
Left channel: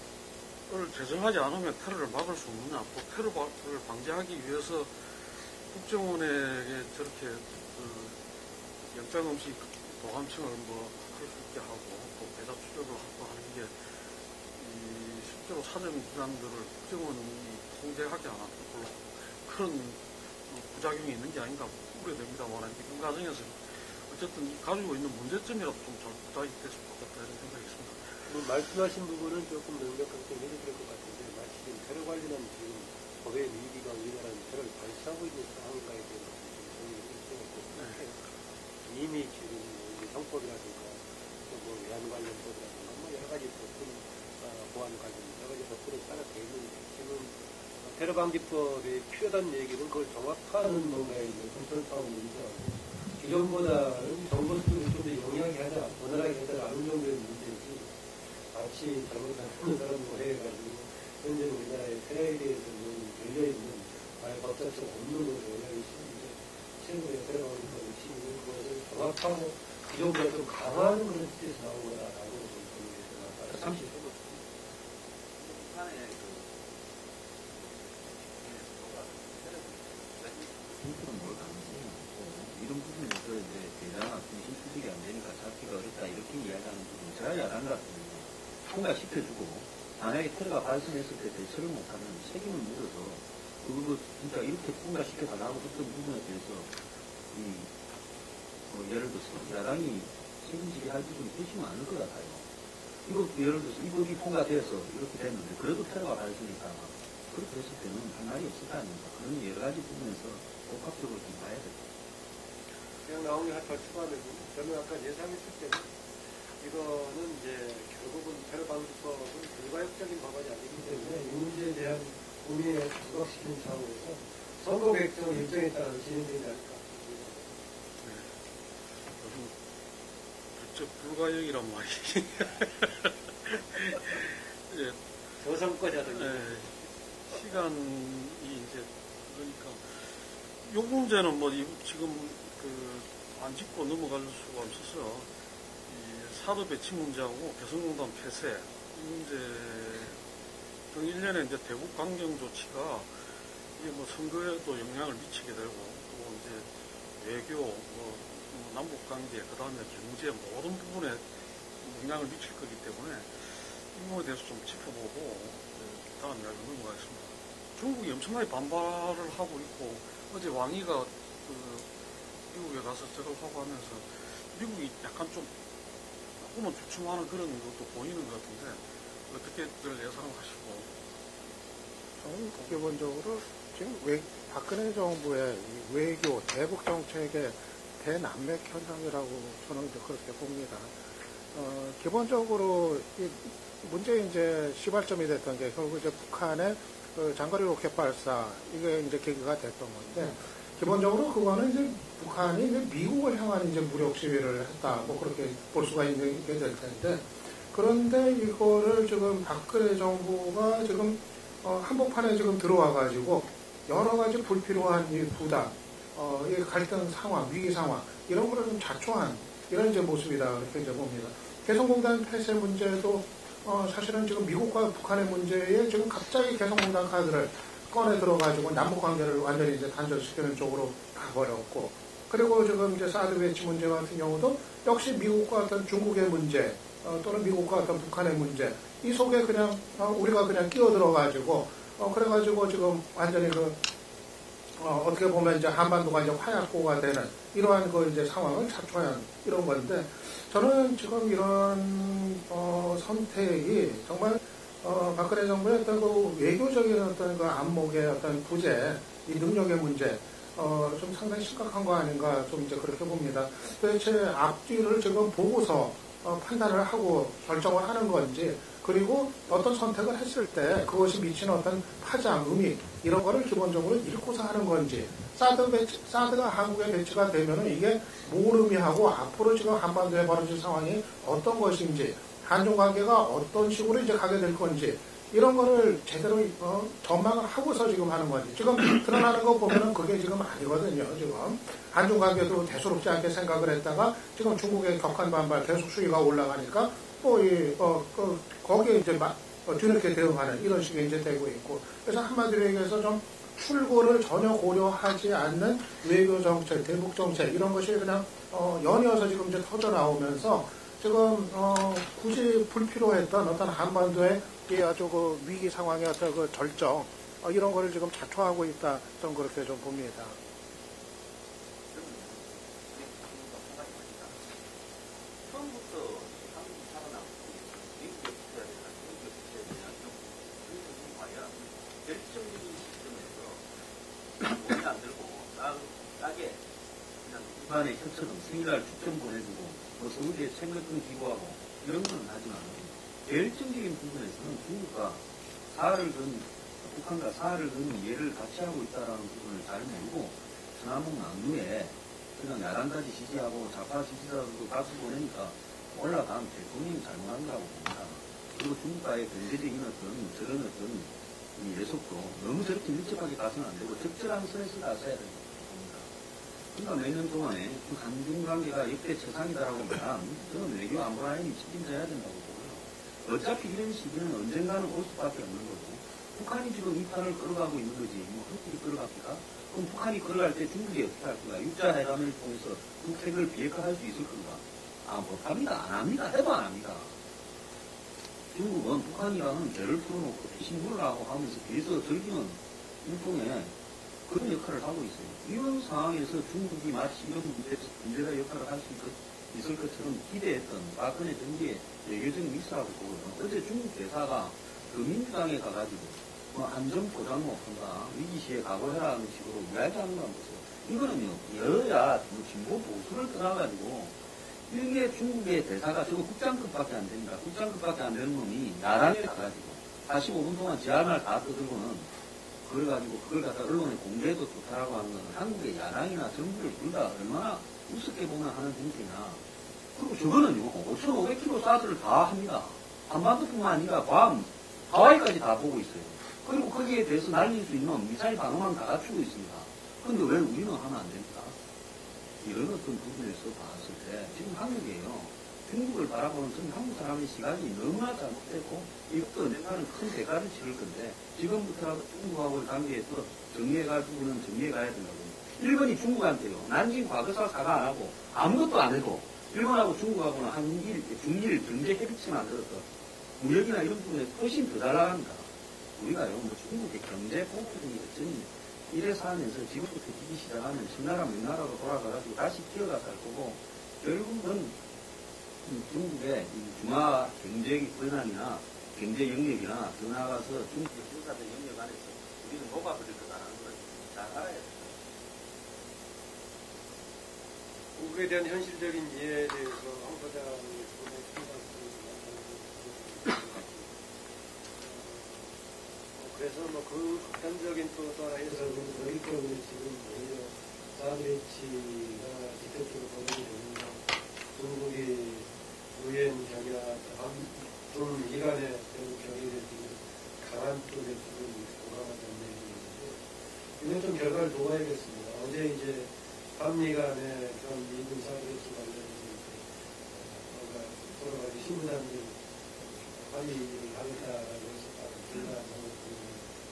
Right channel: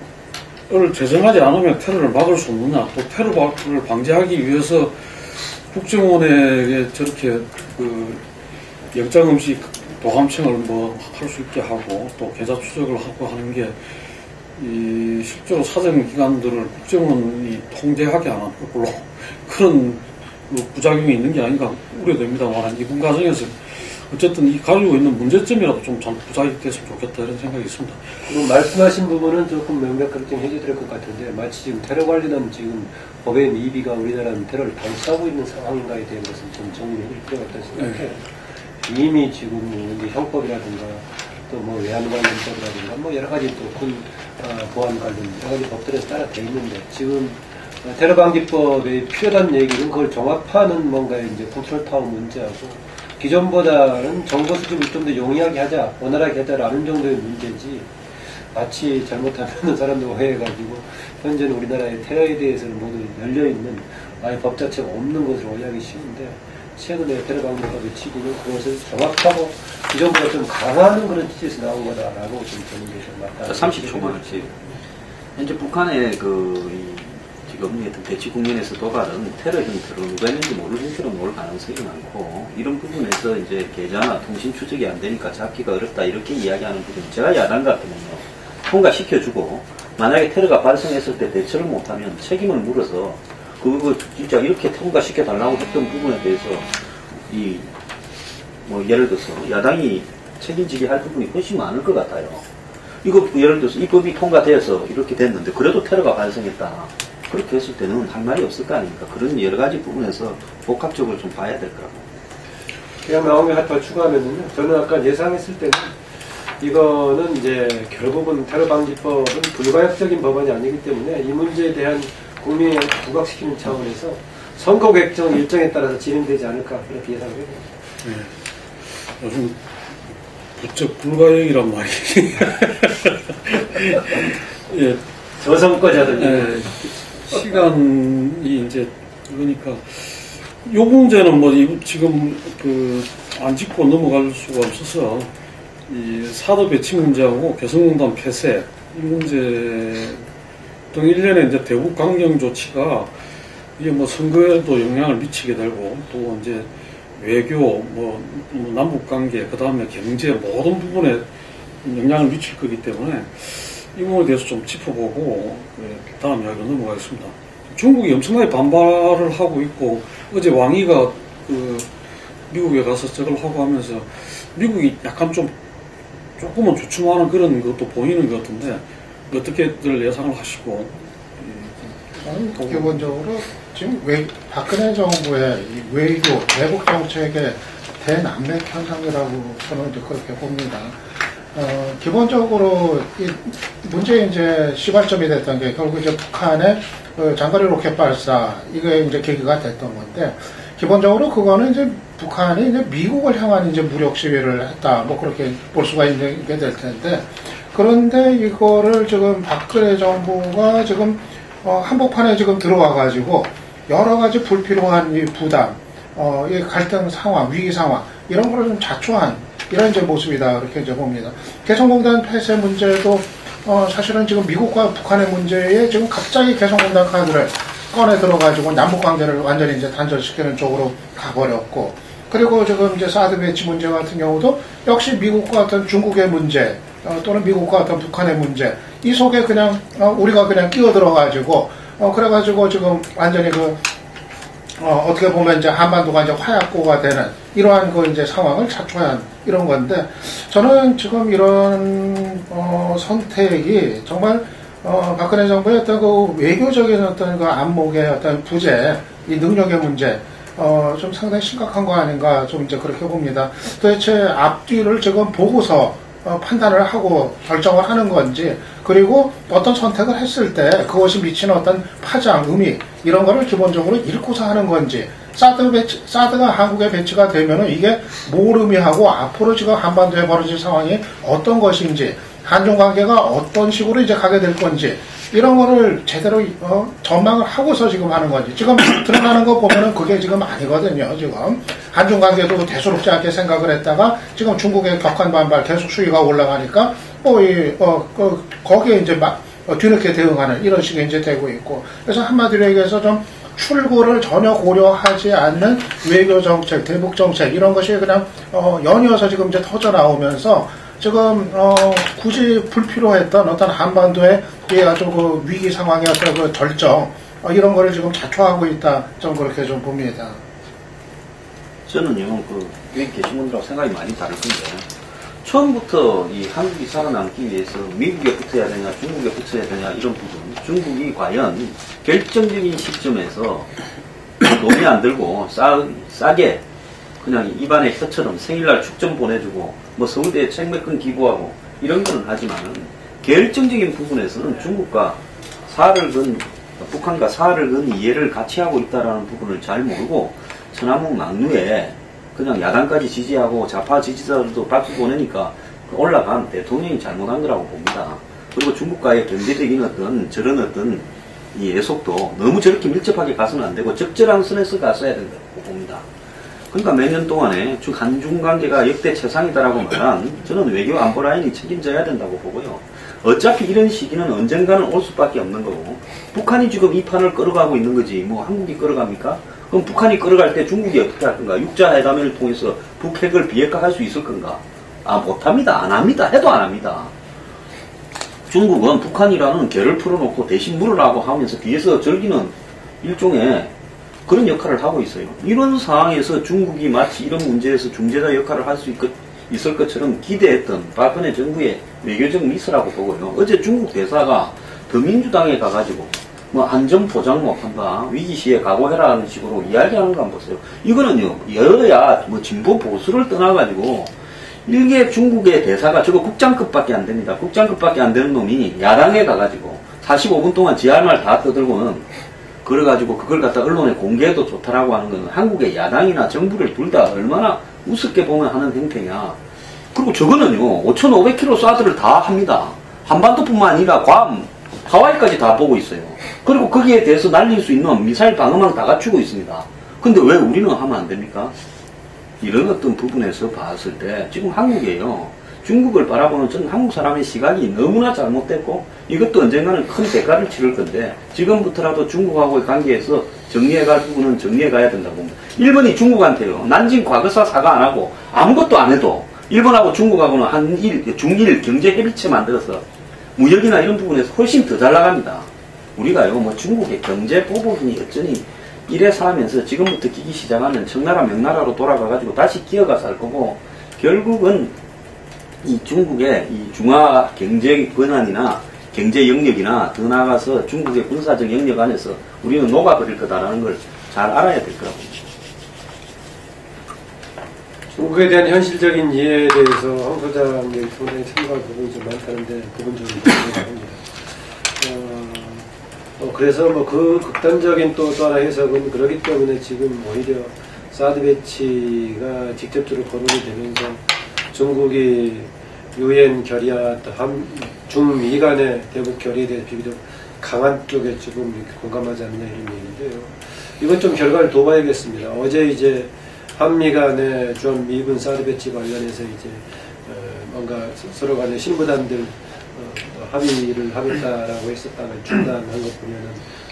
제정하지 않으면 테러를 막을 수 없느냐, 또 테러를 방지하기 위해서 국정원에게 저렇게 영장 없이 도감청을 뭐 할 수 있게 하고 또 계좌 추적을 하고 하는 게 이 실제로 사정기관들을 국정원이 통제하게 하는 걸로 그런 부작용이 있는 게 아닌가 우려됩니다만 이번 과정에서 어쨌든 이 가지고 있는 문제점이라도 좀 부작용이 됐으면 좋겠다 이런 생각이 있습니다. 그리고 말씀하신 부분은 조금 명백하게 좀 해제될 것 같은데 마치 지금 테러 관련한 지금 법의 미비가 우리나라는 테러를 방치하고 있는 상황인가에 대한 것은 좀 정리해 줄 필요가 있다고 생각해요. 이미 지금 이제 형법이라든가 또 뭐 외환관련법이라든가 뭐 여러 가지 또군 보안 관련 여러 가지 법들에 따라 돼 있는데 지금 테러 방지법에 필요한 얘기는 그걸 종합하는 뭔가의 이제 컨트롤 타워 문제하고 기존보다는 정보 수집을 좀 더 용이하게 하자, 원활하게 하자라는 정도의 문제지 마치 잘못하면 사람들 오해해가지고 현재는 우리나라의 테러에 대해서는 모두 열려있는 아예 법 자체가 없는 것으로 오해하기 쉬운데 최근에 테러 방지법의 취지는 그것을 정확하고 기존보다 좀 강화하는 그런 취지에서 나온 거다라고 좀 보는 게 좀 맞다. 30초만 지 현재 북한의 지금 대치 국면에서 도발은 테러 형태로 누가 했는지 모르는 형태로 나올 가능성이 많고 이런 부분에서 이제 계좌나 통신 추적이 안 되니까 잡기가 어렵다 이렇게 이야기하는 부분 제가 야당 같으면요 통과시켜주고 만약에 테러가 발생했을 때 대처를 못하면 책임을 물어서 그거 진짜 이렇게 통과시켜 달라고 했던 부분에 대해서 뭐 예를 들어서 야당이 책임지게 할 부분이 훨씬 많을 것 같아요. 이거 예를 들어서 이 법이 통과되어서 이렇게 됐는데 그래도 테러가 발생했다. 그렇게 했을 때는 할 말이 없을 거 아닙니까? 그런 여러 가지 부분에서 복합적으로 좀 봐야 될 거라고. 그냥 나온 게 하나 추가하면요. 저는 아까 예상했을 때는 이거는 이제 결국은 테러 방지법은 불가역적인 법안이 아니기 때문에 이 문제에 대한 국민을 부각시키는 차원에서 선거 객정 일정에 따라서 진행되지 않을까 그렇게 예상해요. 네. 요즘 부쩍 불가역이란 말이 예, 저선거자들. 예, 시간이 이제 그러니까 요 문제는 뭐 지금 안 짚고 넘어갈 수가 없어서 이 사드 배치 문제하고 개성공단 폐쇄 이 문제 등 일련의 이제 대북 강경 조치가 이게 뭐 선거에도 영향을 미치게 되고 또 이제 외교 뭐 남북 관계 그 다음에 경제 모든 부분에 영향을 미칠 거기 때문에 이 부분에 대해서 좀 짚어보고 다음 이야기로 넘어가겠습니다. 중국이 엄청나게 반발을 하고 있고 어제 왕이가 미국에 가서 저걸 하고 하면서 미국이 약간 조금은 주춤하는 그런 것도 보이는 것 같은데 어떻게들 예상을 하시고 저는 기본적으로 지금 박근혜 정부의 이 외교, 대북 정책의 대난맥 현상이라고 저는 이제 그렇게 봅니다. 기본적으로 이 문제의 이제 시발점이 됐던 게 결국 이제 북한의 장거리 로켓 발사 이게 이제 계기가 됐던 건데 기본적으로 그거는 이제 북한이 이제 미국을 향한 이제 무력 시위를 했다 뭐 그렇게 볼 수가 있게 될 텐데 그런데 이거를 지금 박근혜 정부가 지금 한복판에 지금 들어와 가지고 여러 가지 불필요한 이 부담, 이 갈등 상황, 위기 상황 이런 거를 좀 자초한 이런 이제 모습이다 이렇게 이제 봅니다. 개성공단 폐쇄 문제도 사실은 지금 미국과 북한의 문제에 지금 갑자기 개성공단 카드를 꺼내 들어가지고 남북 관계를 완전히 이제 단절시키는 쪽으로 가버렸고, 그리고 지금 이제 사드 배치 문제 같은 경우도 역시 미국과 어떤 중국의 문제 또는 미국과 어떤 북한의 문제 이 속에 그냥 우리가 그냥 끼어 들어가지고 그래가지고 지금 완전히 어떻게 보면 이제 한반도가 이제 화약고가 되는 이러한 이제 상황을 자초한 이런 건데 저는 지금 이런 선택이 정말 박근혜 정부의 어떤 외교적인 어떤 안목의 어떤 부재, 이 능력의 문제 좀 상당히 심각한 거 아닌가 좀 이제 그렇게 봅니다. 도대체 앞뒤를 지금 보고서 판단을 하고 결정을 하는 건지, 그리고 어떤 선택을 했을 때 그것이 미치는 어떤 파장, 의미 이런 거를 기본적으로 읽고서 하는 건지, 사드가 한국에 배치가 되면은 이게 뭘 의미하고 앞으로 지금 한반도에 벌어질 상황이 어떤 것인지, 한중 관계가 어떤 식으로 이제 가게 될 건지 이런 거를 제대로 전망을 하고서 지금 하는 건지, 지금 드러나는 거 보면은 그게 지금 아니거든요. 지금 한중 관계도 대수롭지 않게 생각을 했다가 지금 중국의 격한 반발, 계속 수위가 올라가니까 거기에 이제 뒤늦게 대응하는 이런 식이 이제 되고 있고, 그래서 한마디로 얘기해서 좀 출구를 전혀 고려하지 않는 외교 정책, 대북 정책 이런 것이 그냥 연이어서 지금 이제 터져 나오면서 지금 굳이 불필요했던 어떤 한반도의 아주 그 위기 상황의 어떤 그 절정 이런 거를 지금 자초하고 있다. 저는 그렇게 좀 봅니다. 저는요, 여기 계신 분들하고 생각이 많이 다를 건데, 처음부터 이 한국이 살아남기 위해서 미국에 붙어야 되냐, 중국에 붙어야 되냐, 이런 부분, 중국이 과연 결정적인 시점에서 돈이 안 들고 싸게 그냥 입안에 혀처럼 생일날 축전 보내주고, 뭐 서울대에 책 몇 권 기부하고, 이런 거는 하지만, 결정적인 부분에서는 중국과 북한과 사활을 건 이해를 같이 하고 있다는 부분을 잘 모르고, 천안문 막루에 그냥 야당까지 지지하고 좌파 지지자들도 박수 보내니까 올라간 대통령이 잘못한 거라고 봅니다. 그리고 중국과의 경제적인 저런 이 애속도 너무 저렇게 밀접하게 가서는 안 되고 적절한 선에서 갔어야 된다고 봅니다. 그러니까 몇 년 동안에 한중 관계가 역대 최상이다라고 말한 저는 외교 안보 라인이 책임져야 된다고 보고요. 어차피 이런 시기는 언젠가는 올 수밖에 없는 거고, 북한이 지금 이 판을 끌어가고 있는 거지 뭐 한국이 끌어갑니까? 그럼 북한이 끌어갈 때 중국이 어떻게 할 건가? 육자회담을 통해서 북핵을 비핵화할 수 있을 건가? 못합니다. 안 합니다. 해도 안 합니다. 중국은 북한이라는 개를 풀어놓고 대신 물으라고 하면서 뒤에서 즐기는 일종의 그런 역할을 하고 있어요. 이런 상황에서 중국이 마치 이런 문제에서 중재자 역할을 할 수 있을 것처럼 기대했던 박근혜 정부의 외교적 미스라고 보고요. 어제 중국 대사가 더민주당에 가가지고 뭐 안전 보장 못한다, 위기 시에 각오해라는 식으로 이야기하는 거 한번 보세요. 이거는요, 여야 뭐 진보 보수를 떠나가지고 일개 중국의 대사가 저거 국장급밖에 안 됩니다. 국장급밖에 안 되는 놈이 야당에 가가지고 45분 동안 지 할 말 다 떠들고는 그래가지고 그걸 갖다 언론에 공개해도 좋다라고 하는 건 한국의 야당이나 정부를 둘 다 얼마나 우습게 보면 하는 행태냐. 그리고 저거는요, 5,500km 쏴드를 다 합니다. 한반도뿐만 아니라 괌, 하와이까지 다 보고 있어요. 그리고 거기에 대해서 날릴 수 있는 미사일 방어망 다 갖추고 있습니다. 근데 왜 우리는 하면 안 됩니까? 이런 어떤 부분에서 봤을 때 지금 한국이에요. 중국을 바라보는 전 한국 사람의 시각이 너무나 잘못됐고 이것도 언젠가는 큰 대가를 치를 건데 지금부터라도 중국하고의 관계에서 정리해갈 부분은 정리해가야 된다고 봅니다. 일본이 중국한테요. 난징 과거사 사과 안 하고 아무것도 안 해도 일본하고 중국하고는 중일 경제 협의체 만들어서 무역이나 이런 부분에서 훨씬 더 잘 나갑니다. 우리가요, 뭐 중국의 경제 보복이니 어쩌니 이래 살면서 지금부터 끼기 시작하면 청나라 명나라로 돌아가가지고 다시 기어가 살 거고 결국은 이 중국의 이 중화 경제 권한이나 경제 영역이나 더 나아가서 중국의 군사적 영역 안에서 우리는 녹아버릴 거다라는 걸 잘 알아야 될 거라고 봅니다. 중국에 대한 현실적인 이해에 대해서 황 소장이 상당히 참고할 부분이 좀 많다는데 그건 좀 합니다. 그래서 뭐 그 극단적인 또 하나 해석은 그러기 때문에 지금 오히려 사드 배치가 직접적으로 거론이 되면서 중국이 유엔 결의와 중미 간의 대북 결의에 대해서 비교적 강한 쪽에 지금 이렇게 공감하지 않냐 이런 얘기인데요. 이건 좀 결과를 둬봐야겠습니다. 어제 이제 한미 간의 좀 미군 사드 배치 관련해서 이제 뭔가 서로 간의 신부단들 합의를 하겠다라고 했었다면 중단한 것 보면은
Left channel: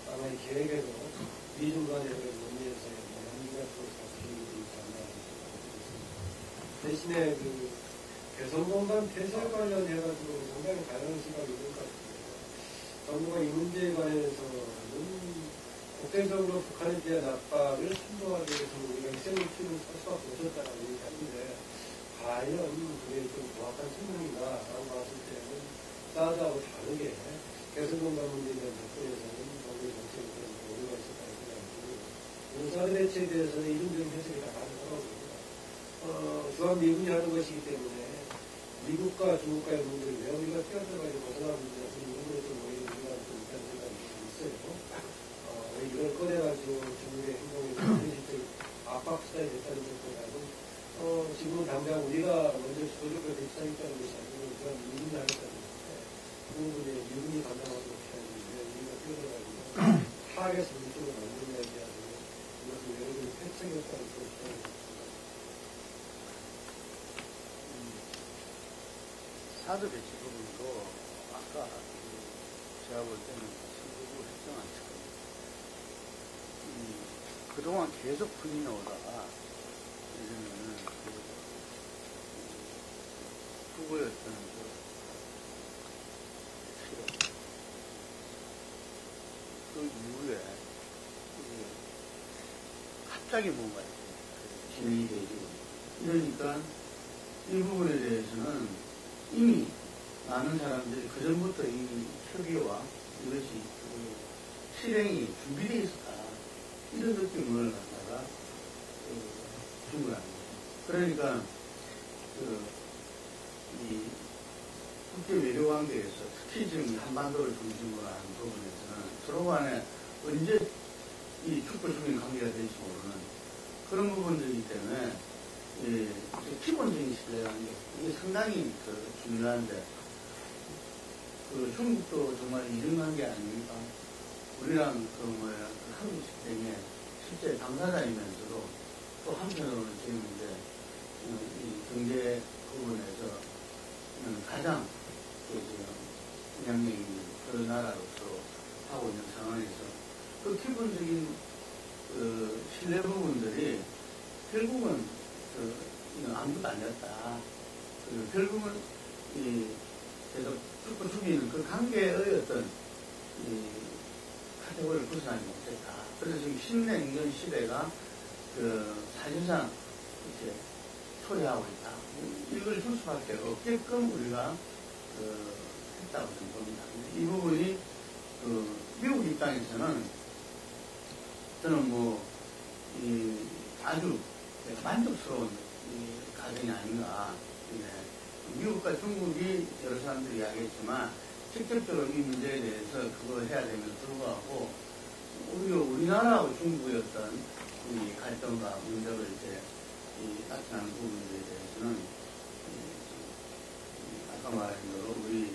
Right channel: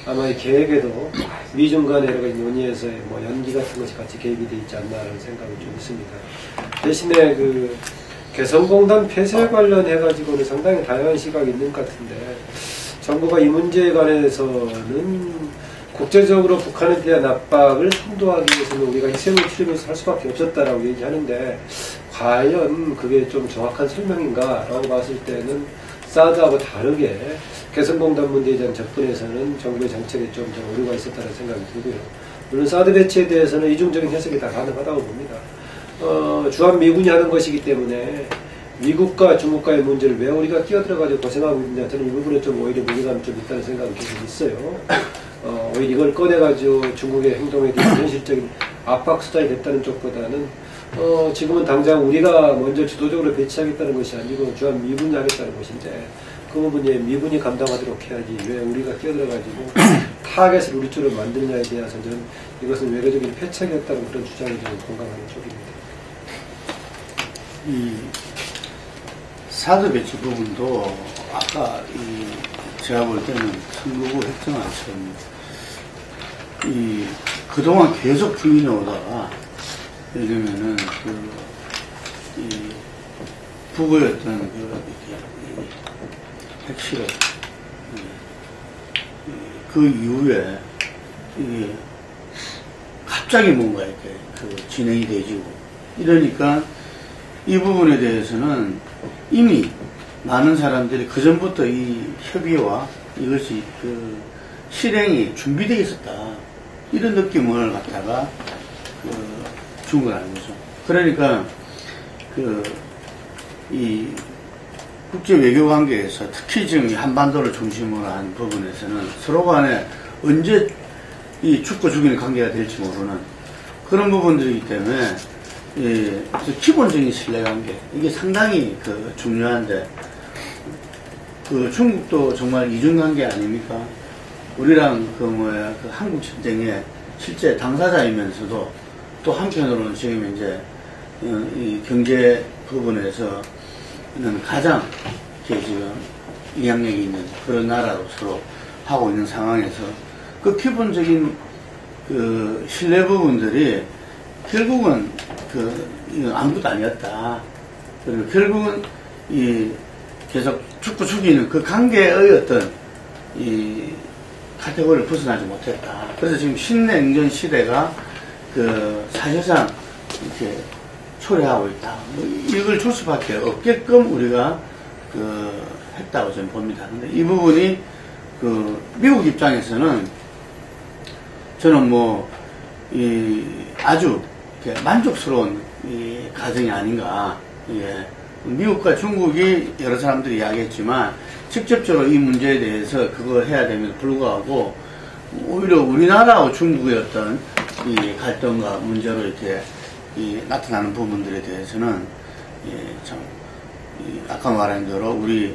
아마 이 계획에도 미중 간의 여러 가지 논의에서의 뭐 연기 같은 것이 같이 개입이 돼 있지 않나라는 생각이 좀 있습니다. 대신에 그 개성공단 폐쇄 관련해가지고는 상당히 다양한 시각이 있는 것 같은데 정부가 이 문제에 관해서는 국제적으로 북한에 대한 압박을 선도하기 위해서는 우리가 희생을 치르면서 할 수밖에 없었다라고 얘기하는데 과연 그게 좀 정확한 설명인가 라고 봤을 때는 사드하고 다르게 개성공단 문제에 대한 접근에서는 정부의 정책에 좀 오류가 있었다는 생각이 들고요. 물론 사드 배치에 대해서는 이중적인 해석이 다 가능하다고 봅니다. 주한미군이 하는 것이기 때문에 미국과 중국과의 문제를 왜 우리가 끼어들어가지고 고생하고 있느냐 저는 이 부분에 좀 오히려 무게감이 좀 있다는 생각이 계속 있어요. 오히려 이걸 꺼내가지고 중국의 행동에 대한 현실적인 압박 수단이 됐다는 쪽보다는 지금은 당장 우리가 먼저 주도적으로 배치하겠다는 것이 아니고 주한미군이 하겠다는 것인데 그 부분에 미군이 감당하도록 해야지 왜 우리가 끼어들어가지고 타겟을 우리 쪽으로 만드느냐에 대해서 저는 이것은 외교적인 패착이었다는 그런 주장에 좀 공감하는 쪽입니다. 사드 배치 부분도 아까 제가 볼 때는 선거구 획정화처럼 그동안 계속 풀리해 오다가 예를 들면은 북의 어떤 핵실험 그 이후에 이게 갑자기 뭔가 이렇게 진행이 되지고 이러니까 이 부분에 대해서는 이미 많은 사람들이 그 전부터 이 협의와 이것이 실행이 준비되어 있었다 이런 느낌을 갖다가 준 거라는 거죠. 그러니까 이 국제 외교 관계에서 특히 지금 한반도를 중심으로 한 부분에서는 서로 간에 언제 이 죽고 죽이는 관계가 될지 모르는 그런 부분들이기 때문에 기본적인 신뢰관계 이게 상당히 중요한데 중국도 정말 이중관계 아닙니까? 우리랑 한국 전쟁의 실제 당사자이면서도 또 한편으로는 지금 이제 이 경제 부분에서는 가장 지금 영향력이 있는 그런 나라로 서로 하고 있는 상황에서 그 기본적인 신뢰 부분들이 결국은 아무것도 아니었다. 그리고 결국은 계속 죽고 죽이는 그 관계의 어떤 카테고리를 벗어나지 못했다. 그래서 지금 신냉전 시대가 사실상 이렇게 초래하고 있다. 이걸 줄 수밖에 없게끔 우리가 했다고 저는 봅니다. 근데 이 부분이 미국 입장에서는 저는 아주 만족스러운 과정이 아닌가. 미국과 중국이 여러 사람들이 이야기했지만 직접적으로 이 문제에 대해서 그걸 해야 됨에도 불구하고 오히려 우리나라와 중국의 어떤 갈등과 문제로 이렇게 나타나는 부분들에 대해서는 참 아까 말한 대로 우리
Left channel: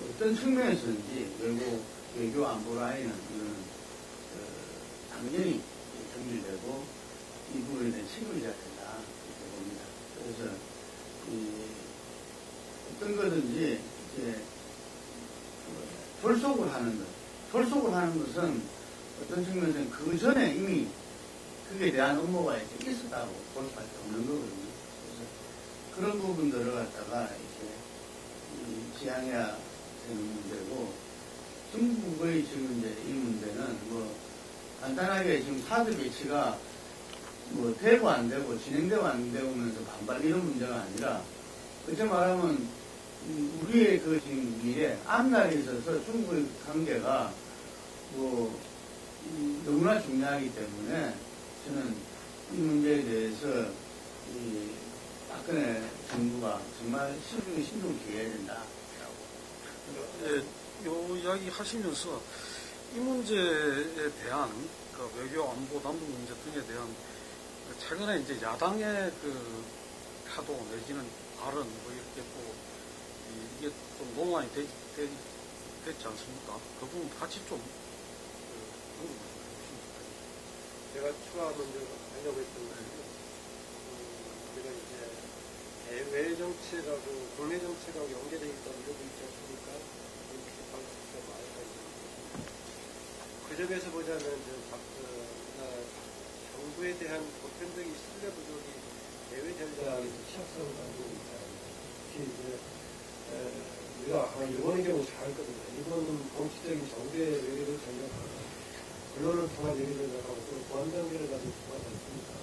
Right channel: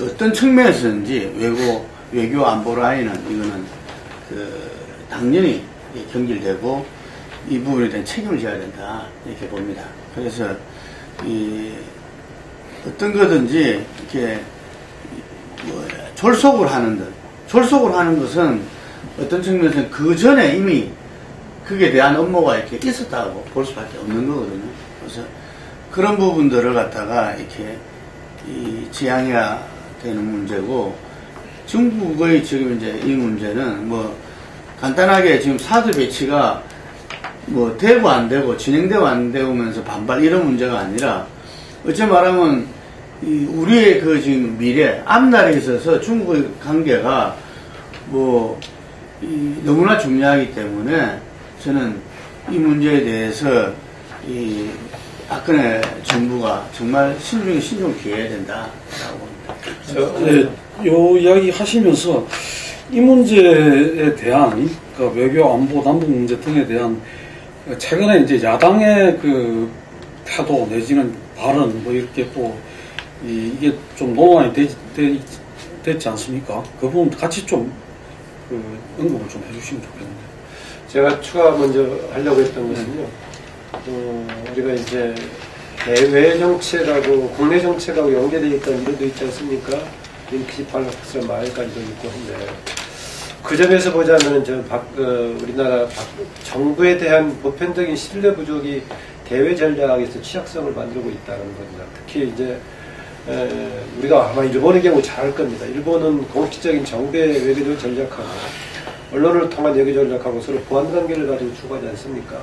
어떤 측면에서든지 외교 안보 라인은 이거는 당연히 경질되고 이 부분에 대한 책임을 져야 된다 이렇게 봅니다. 그래서 어떤 거든지 이렇게 졸속을 하는 것은 어떤 측면에서는 그 전에 이미 그에 대한 업무가 이렇게 있었다고 볼 수밖에 없는 거거든요. 그래서 그런 부분들을 갖다가 이렇게 지향해야 되는 문제고 중국의 지금 이제 이 문제는 간단하게 지금 사드 배치가 되고 안 되고 진행되고 안 되면서 반발 이런 문제가 아니라 어찌 말하면 우리의 지금 미래 앞날에 있어서 중국의 관계가 너무나 중요하기 때문에 저는 이 문제에 대해서 박근혜 정부가 정말 신중히 기해야 된다라고 봅니다. 요 이야기 하시면서 이 문제에 대한 외교 안보 남북 문제 등에 대한 최근에 이제 야당의 태도 내지는 발언 이렇게 또 이게 좀 논란이 됐지 않습니까? 그 부분 같이 좀 언급을 좀 해주시면 좋겠는데. 제가 추가 먼저 하려고 했던 것은요. 우리가 이제 대외 정책하고 국내 정책하고 연계되어 있다는 이론도 있지 않습니까? 인피시팔락스란 말까지도 있고 한데 그 점에서 보자면 우리나라 정부에 대한 보편적인 신뢰 부족이 대외 전략에서 취약성을 만들고 있다는 겁니다. 특히 이제 우리가 아마 일본의 경우 잘 알 겁니다. 일본은 공식적인 정부의 외교 전략하고 언론을 통한 외교 전략하고 서로 보완 관계를 가지고 추구하지 않습니까?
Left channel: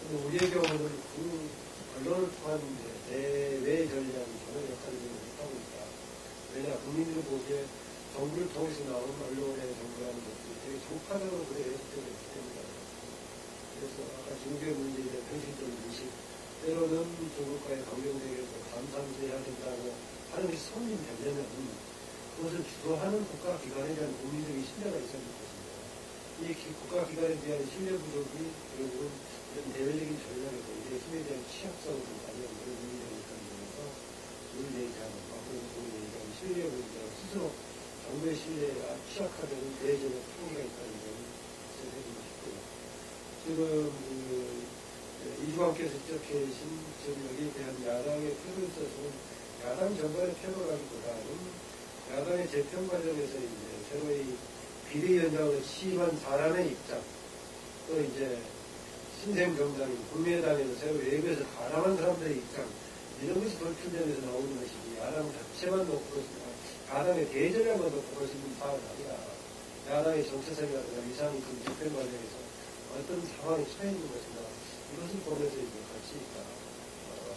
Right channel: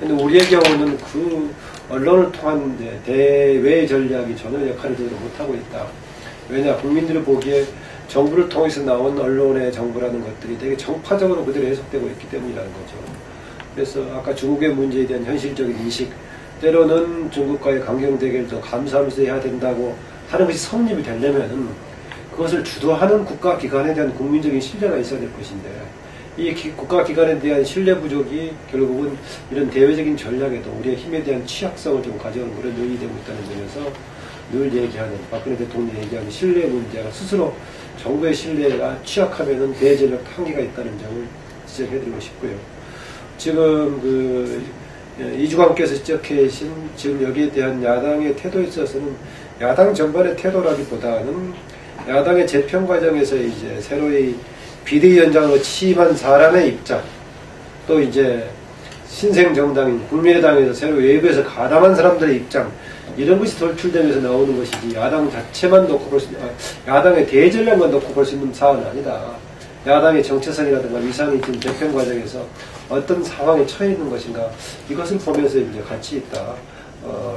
근데 우리의 경우는 그 언론을 통한 대외 전략이 전혀 역할을 제대로 못하고 있다. 왜냐, 국민들이 보기에 정부를 통해서 나온 언론의 정부라는 것들이 되게 정파적으로 그대로 해석되고 있기 때문이라는 거죠. 그래서 아까 중국의 문제에 대한 현실적인 인식, 때로는 중국과의 강경 대결도 감수하면서 해야 된다고 하는 것이 성립이 되려면 그것을 주도하는 국가기관에 대한 국민적인 신뢰가 있어야 될 것인데 이 국가기관에 대한 신뢰 부족이 결국은 이런 대외적인 전략에도 우리의 힘에 대한 취약성을 좀 가져오는 그런 요인이 되고 있다는 점에서 늘 얘기하는 박근혜 대통령이 얘기하는 신뢰 문제가 스스로 정부의 신뢰가 취약하면은 대전략 한계가 있다는 점을 지적해드리고 싶고요. 지금 이주관께서 지적해 계신 지금 여기에 대한 야당의 태도에 있어서는 야당 전반의 태도라기보다는 야당의 재편 과정에서 이제 새로이 비대위원장으로 취임한 사람의 입장, 또 이제 신생정당인 국민의당에서 새로 외부에서 가담한 사람들의 입장 이런 것이 돌출되면서 나오는 것이지 야당 자체만 놓고 볼 수 있는 야당의 대전략만 놓고 볼 수 있는 사안은 아니다. 야당의 정체성이라든가 위상이 지금 재편 과정에서 어떤 상황에 처해 있는 것인가 이것을 보면서 이제 같이 있다.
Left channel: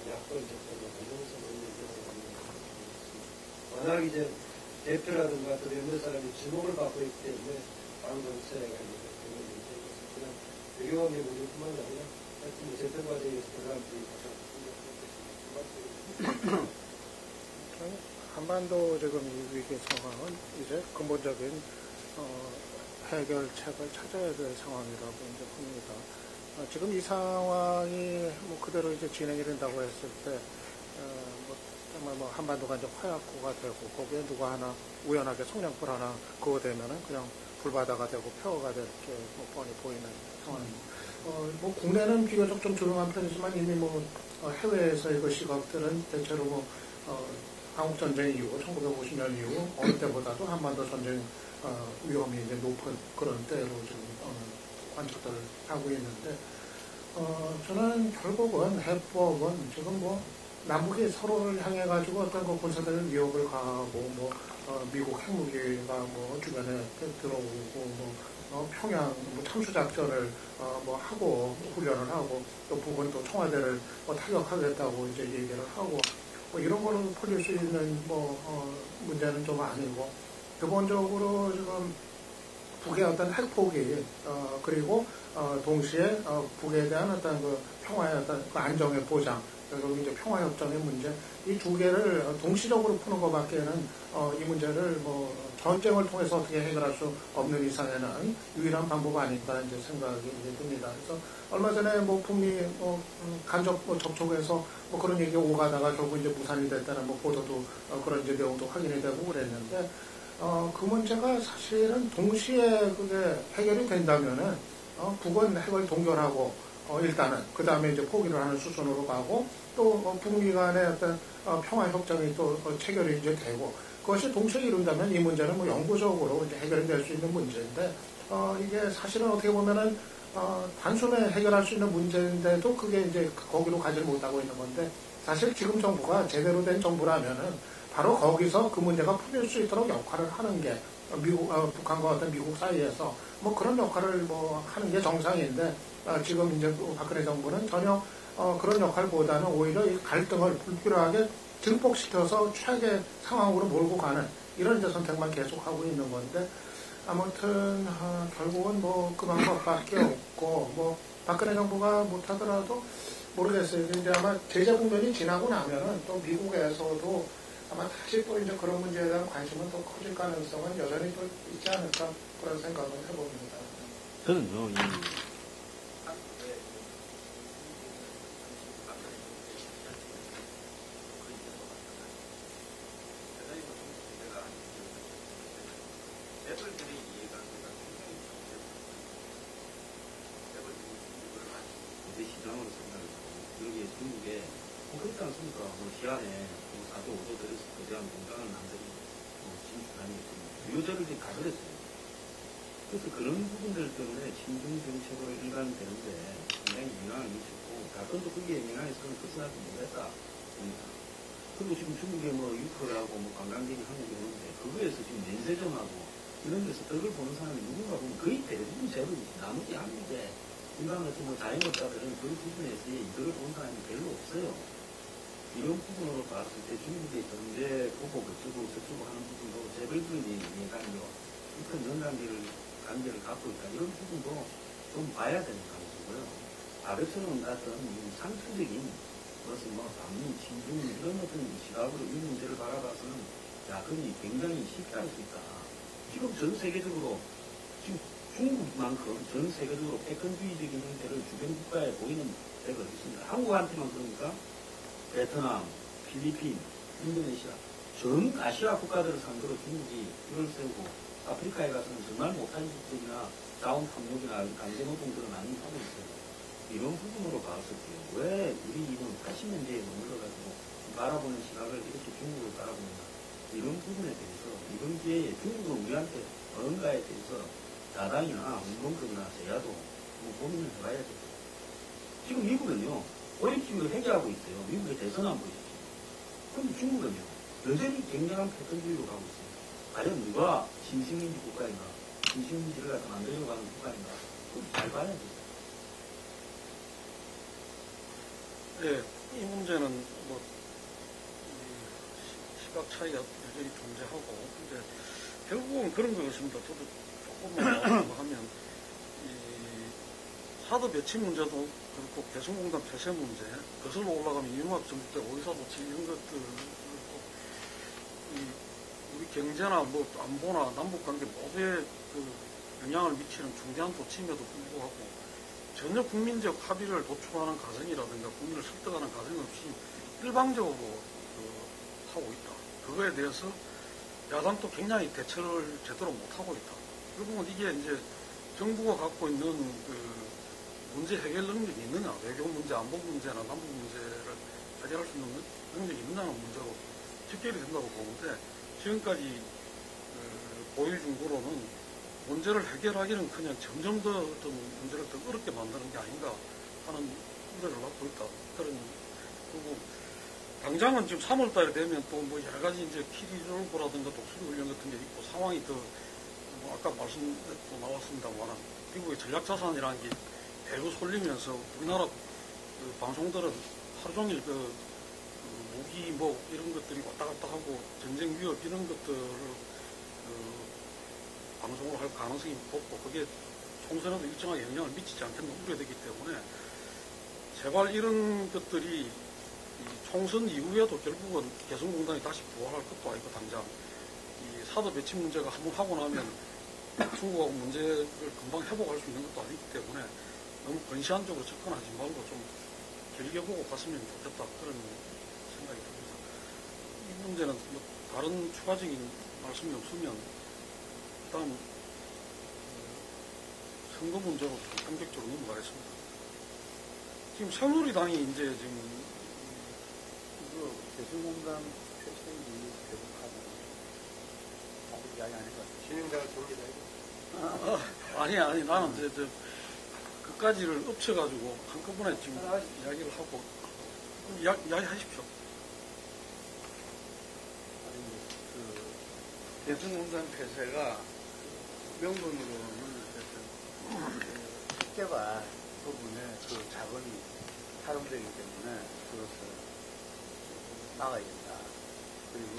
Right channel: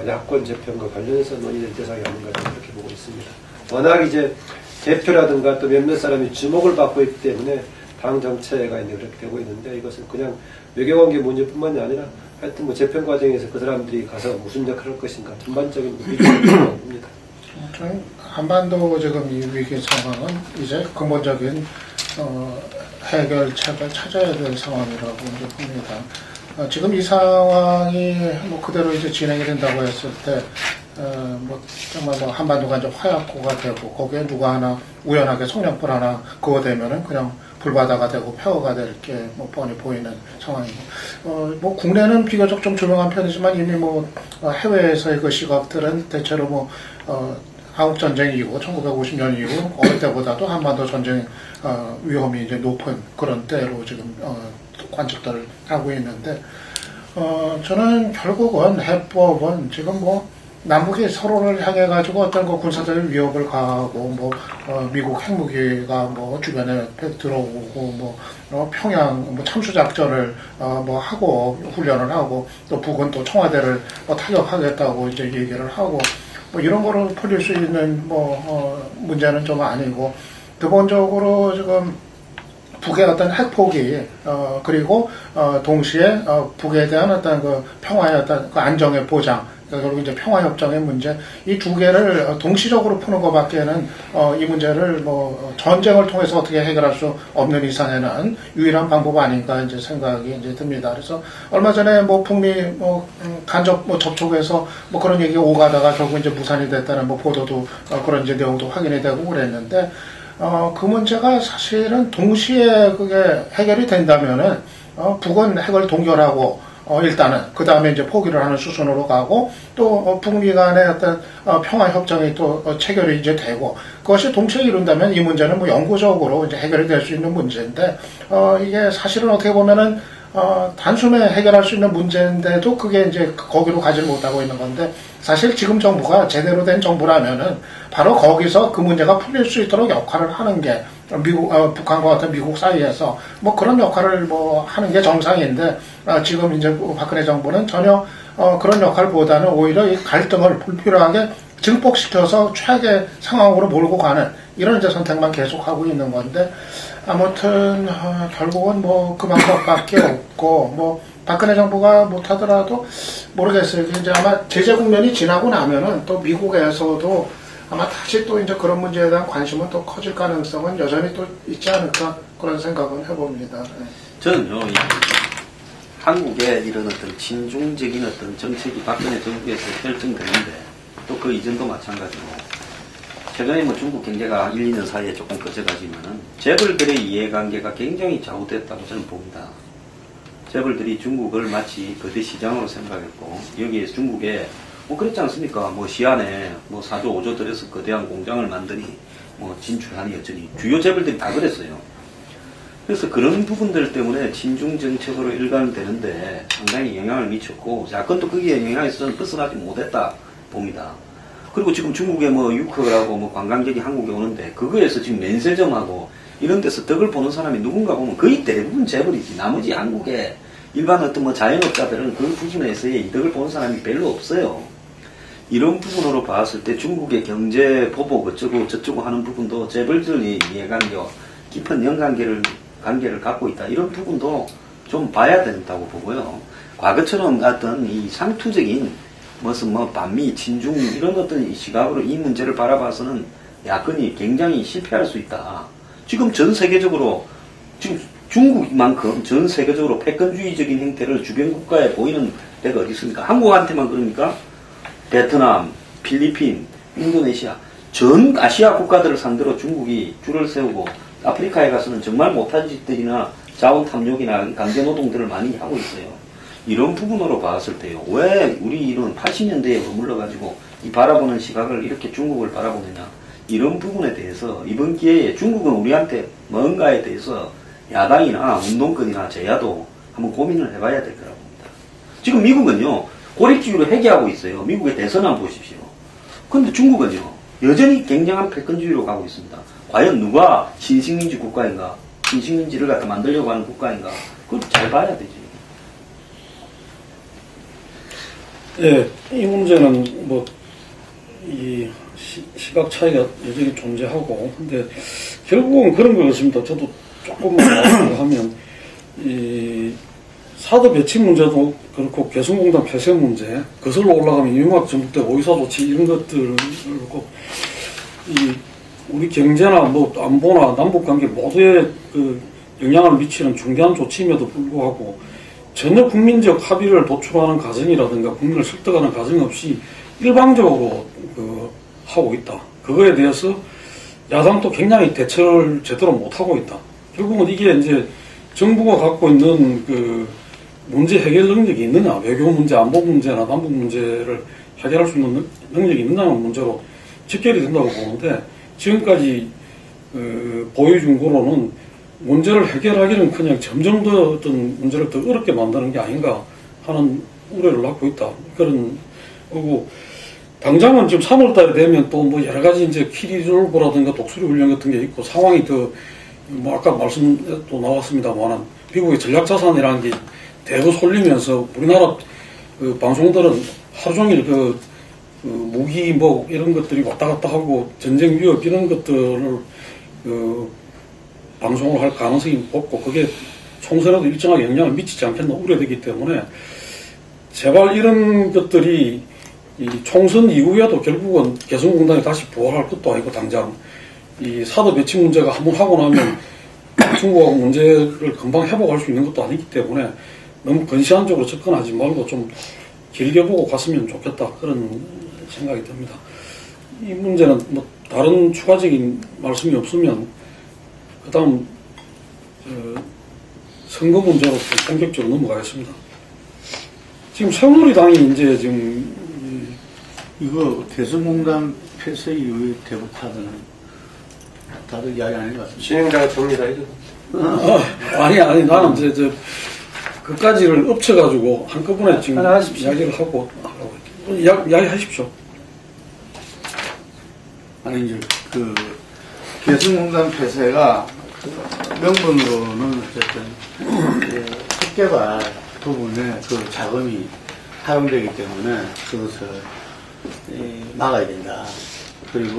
야권 재편과 관련해서 논의될 대상이 아닌가 그렇게 보고 있습니다. 워낙 이제 대표라든가 또 몇몇 사람이 주목을 받고 있기 때문에 당 정체가 이제 그렇게 되고 있는데 이것은 그냥 외교관계 문제뿐만이 아니라 하여튼 뭐 재편 과정에서 그 사람들이 가서 무슨 역할을 할 것인가 전반적인 위기를 봅니다. 한반도 지금 이 위기 상황은 이제 근본적인 해결책을 찾아야 될 상황이라고 이제 봅니다. 지금 이 상황이 뭐 그대로 이제 진행이 된다고 했을 때, 뭐 정말 뭐 한반도가 이제 화약고가 되고 거기에 누가 하나 우연하게 성냥불 하나 그어대면은 그냥 불바다가 되고 폐허가 될 게 뭐 뻔히 보이는 상황이고, 뭐 국내는 비교적 좀 조용한 편이지만 이미 뭐 해외에서의 그 시각들은 대체로 뭐 한국 전쟁 이후 1950년 이후 어느 때보다도 한반도 전쟁 위험이 이제 높은 그런 때로 지금 관측들을 하고 있는데, 저는 결국은 해법은 지금 뭐 남북이 서로를 향해 가지고 어떤 그 군사적 위협을 가하고 뭐 미국 핵무기가 뭐 주변에 들어오고 뭐 평양 뭐 참수 작전을 뭐 하고 훈련을 하고 또 북은 또 청와대를 뭐 타격하겠다고 이제 얘기를 하고 뭐 이런 거를 풀릴 수 있는 뭐 문제는 좀 아니고, 기본적으로 지금 북의 어떤 핵포기 그리고 동시에 북에 대한 어떤 그 평화의 어떤 그 안정의 보장, 그리고 이제 평화협정의 문제, 이 두 개를 동시적으로 푸는 것밖에는 이 문제를 뭐 전쟁을 통해서 어떻게 해결할 수 없는 이상에는 유일한 방법 아닌가 이제 생각이 이제 듭니다. 그래서 얼마 전에 뭐 북미 뭐 간접 뭐 접촉에서 뭐 그런 얘기가 오가다가 결국 이제 무산이 됐다는 뭐 보도도 그런 이제 내용도 확인이 되고 그랬는데, 그 문제가 사실은 동시에 그게 해결이 된다면은 북은 핵을 동결하고 일단은 그 다음에 이제 포기를 하는 수순으로 가고 또 북미 간의 어떤 평화 협정이 또 체결이 이제 되고 그것이 동시에 이룬다면 이 문제는 뭐 영구적으로 이제 해결이 될 수 있는 문제인데, 이게 사실은 어떻게 보면은 단숨에 해결할 수 있는 문제인데도 그게 이제 거기로 가지 못하고 있는 건데, 사실 지금 정부가 제대로 된 정부라면은 바로 거기서 그 문제가 풀릴 수 있도록 역할을 하는 게 미국, 북한과 같은 미국 사이에서 뭐 그런 역할을 뭐 하는 게 정상인데, 지금 이제 박근혜 정부는 전혀 그런 역할보다는 오히려 이 갈등을 불필요하게 증폭시켜서 최악의 상황으로 몰고 가는 이런 이제 선택만 계속하고 있는 건데, 아무튼 결국은 뭐 그 방법밖에 없고, 뭐 박근혜 정부가 못하더라도 모르겠어요. 이제 아마 제재 국면이 지나고 나면은 또 미국에서도 아마 다시 또 이제 그런 문제에 대한 관심은 또 커질 가능성은 여전히 또 있지 않을까 그런 생각은 해봅니다. 저는요, 한국에 이런 어떤 친중적인 어떤 정책이 박근혜 정부에서 결정되는데 또 그 이전도 마찬가지고, 최근에 뭐 중국 경제가 1, 2년 사이에 조금 꺼져가지만은 재벌들의 이해관계가 굉장히 좌우됐다고 저는 봅니다. 재벌들이 중국을 마치 거대 시장으로 생각했고, 여기에 중국에 뭐 그렇지 않습니까? 뭐 시안에 뭐 4조 5조 들여서 거대한 공장을 만드니 뭐 진출하니 여전히 주요 재벌들이 다 그랬어요. 그래서 그런 부분들 때문에 친중 정책으로 일관되는데 상당히 영향을 미쳤고, 야권도 거기에 영향이 있어서 벗어나지 못했다 봅니다. 그리고 지금 중국에 뭐 유커라고 뭐 관광객이 한국에 오는데 그거에서 지금 면세점하고 이런 데서 덕을 보는 사람이 누군가 보면 거의 대부분 재벌이지, 나머지 한국의 일반 어떤 뭐 자영업자들은 그 부분에서의 이득을 보는 사람이 별로 없어요. 이런 부분으로 봤을 때 중국의 경제 보복 어쩌고 저쩌고 하는 부분도 재벌들의 이해관계와 깊은 관계를 갖고 있다, 이런 부분도 좀 봐야 된다고 보고요. 과거처럼 어떤 이 상투적인 무슨 뭐 반미, 친중 이런 어떤 시각으로 이 문제를 바라봐서는 야권이 굉장히 실패할 수 있다. 지금 전 세계적으로, 지금 중국만큼 전 세계적으로 패권주의적인 행태를 주변 국가에 보이는 데가 어디 있습니까? 한국한테만 그럽니까? 베트남, 필리핀, 인도네시아, 전 아시아 국가들을 상대로 중국이 줄을 세우고 아프리카에 가서는 정말 못한 짓들이나 자원 탐욕이나 강제 노동들을 많이 하고 있어요. 이런 부분으로 봤을 때요, 왜 우리 이런 80년대에 머물러가지고 이 바라보는 시각을 이렇게 중국을 바라보느냐, 이런 부분에 대해서 이번 기회에 중국은 우리한테 뭔가에 대해서 야당이나 운동권이나 제야도 한번 고민을 해봐야 될 거라고 봅니다. 지금 미국은요, 고립주의로 회귀하고 있어요. 미국의 대선 한번 보십시오. 근데 중국은요, 여전히 굉장한 패권주의로 가고 있습니다. 과연 누가 신식민지 국가인가, 신식민지를 갖다 만들려고 하는 국가인가, 그걸 잘 봐야 되지. 예, 이 문제는 뭐, 이 시각 차이가 여전히 존재하고, 근데 결국은 그런 것 같습니다. 저도 조금만 하면, 이 사드 배치 문제도 그렇고, 개성공단 폐쇄 문제, 거슬러 올라가면 유막 전북대 오이사 조치 이런 것들을 그렇고, 이 우리 경제나 뭐 안보나 남북 관계 모두에 그 영향을 미치는 중대한 조치임에도 불구하고 전혀 국민적 합의를 도출하는 과정이라든가 국민을 설득하는 과정 없이 일방적으로 그 하고 있다. 그거에 대해서 야당도 굉장히 대처를 제대로 못하고 있다. 결국은 이게 이제 정부가 갖고 있는 그 문제 해결 능력이 있느냐, 외교 문제, 안보 문제나 남북 문제를 해결할 수 있는 능력이 있느냐는 문제로 직결이 된다고 보는데, 지금까지 보여준 거로는 문제를 해결하기는 그냥 점점 더 어떤 문제를 더 어렵게 만드는 게 아닌가 하는 우려를 갖고 있다. 그런 거고, 당장은 지금 3월 달에 되면 또 뭐 여러 가지 이제 키리졸브라든가 독수리 훈련 같은 게 있고, 상황이 더 뭐 아까 말씀도 나왔습니다만 미국의 전략자산이라는 게 대거 쏠리면서 우리나라 그 방송들은 하루 종일 그 무기 뭐 이런 것들이 왔다 갔다 하고 전쟁 위협 이런 것들을 방송을 할 가능성이 높고, 그게 총선에도 일정하게 영향을 미치지 않겠나 우려되기 때문에 제발 이런 것들이 이 총선 이후에도 결국은 개성공단이 다시 부활할 것도 아니고, 당장 이 사드 배치 문제가 한번 하고 나면 중국하고 문제를 금방 회복할 수 있는 것도 아니기 때문에 너무 근시안적으로 접근하지 말고 좀 길게 보고 갔으면 좋겠다, 그런 생각이 듭니다. 이 문제는 뭐 다른 추가적인 말씀이 없으면 그 다음 선거 문제로 좀 본격적으로 넘어가겠습니다. 지금 새누리당이 이제 지금 이거 개성공단 폐쇄 이후에 대북 카드는 다들 이야기 안 해봤습니다. 진행자가 접니다. 이거. 아니 나는 이제 그까지를 엎쳐가지고 한꺼번에 지금 하나 하십시오. 이야기를 하고 이야기하십시오. 아니 이제 그 개성공단 폐쇄가 그 명분으로는 어쨌든 핵개발 부분에 그 자금이 사용되기 때문에 그것을 막아야 된다. 그리고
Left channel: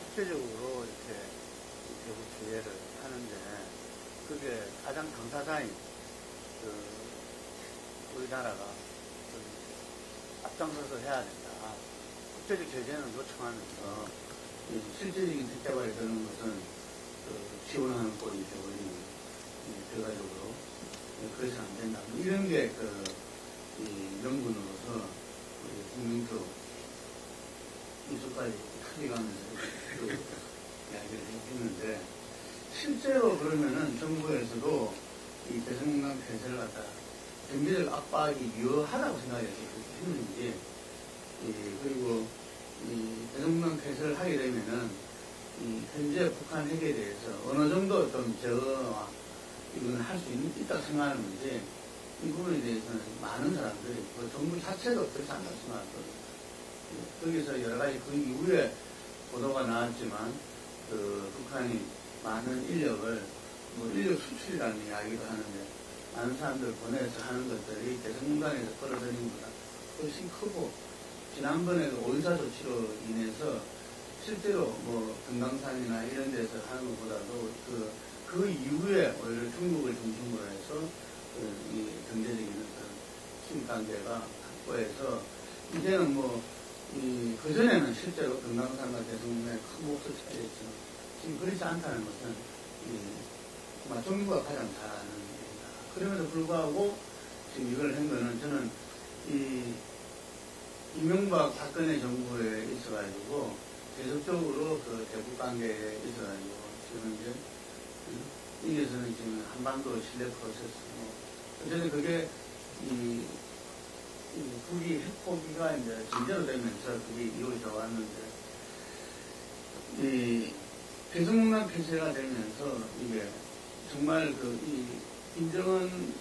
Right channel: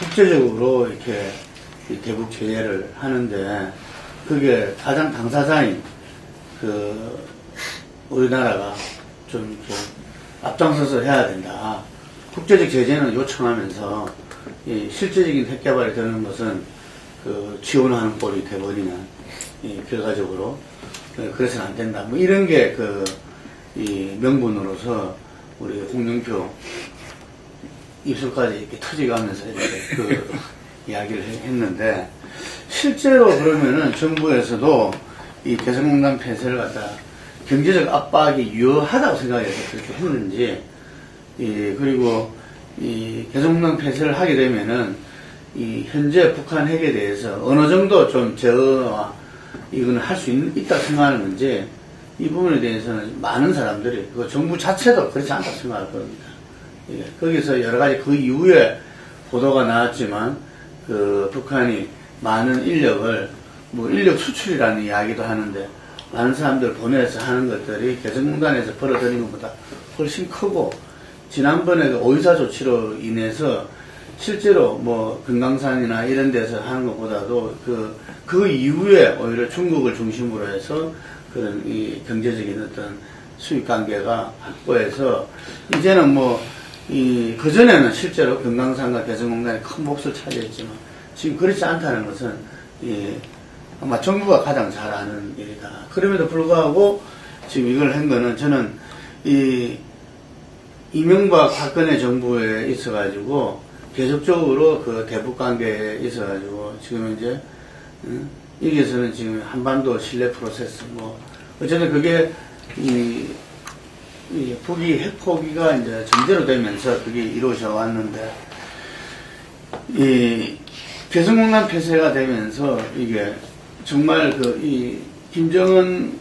국제적으로 이렇게 대북 제재를 하는데 그게 가장 당사자인 그 우리나라가 좀 이렇게 앞장서서 해야 된다. 국제적 제재는 요청하면서 실제적인 핵개발이 되는 것은 그 지원하는 꼴이 돼버리는 결과적으로 그래서는 안 된다. 뭐 이런 게 이 명분으로서 우리 홍영표 입술까지 이렇게 터져가면서 이렇게 이야기를 했는데, 실제로 그러면은 정부에서도 이 개성공단 폐쇄를 갖다 경제적 압박이 유효하다고 생각해서 그렇게 했는지, 그리고 이 개성공단 폐쇄를 하게 되면은 이 현재 북한 핵에 대해서 어느 정도 좀 제어와 이거는 할 수 있다 생각하는 건지, 이 부분에 대해서는 많은 사람들이, 그 정부 자체도 그렇지 않다고 생각할 겁니다. 거기서 여러 가지 그 이후에 보도가 나왔지만, 그 북한이 많은 인력을, 뭐 인력 수출이라는 이야기도 하는데, 많은 사람들 보내서 하는 것들이 개성공단에서 벌어들인 것보다 훨씬 크고, 지난번에 그 오이사 조치로 인해서 실제로 뭐 금강산이나 이런 데서 하는 것보다도 그 이후에 오히려 중국을 중심으로 해서 그런 이 경제적인 어떤 수익 관계가 확보해서 이제는 뭐 그전에는 실제로 금강산과 개성공단이 큰 몫을 차지했지만 지금 그렇지 않다는 것은 아마 정부가 가장 잘 아는 일이다. 그럼에도 불구하고 지금 이걸 한 거는 저는 이명박 박근혜 정부에 있어가지고 계속적으로 그 대북 관계에 있어가지고 지금 이제 여기에서는 지금 한반도 신뢰 프로세스 뭐 어쨌든 그게 북이 핵 포기가 이제 전제로 되면서 그게 이루어져 왔는데, 개성공단 폐쇄가 되면서 이게 정말 김정은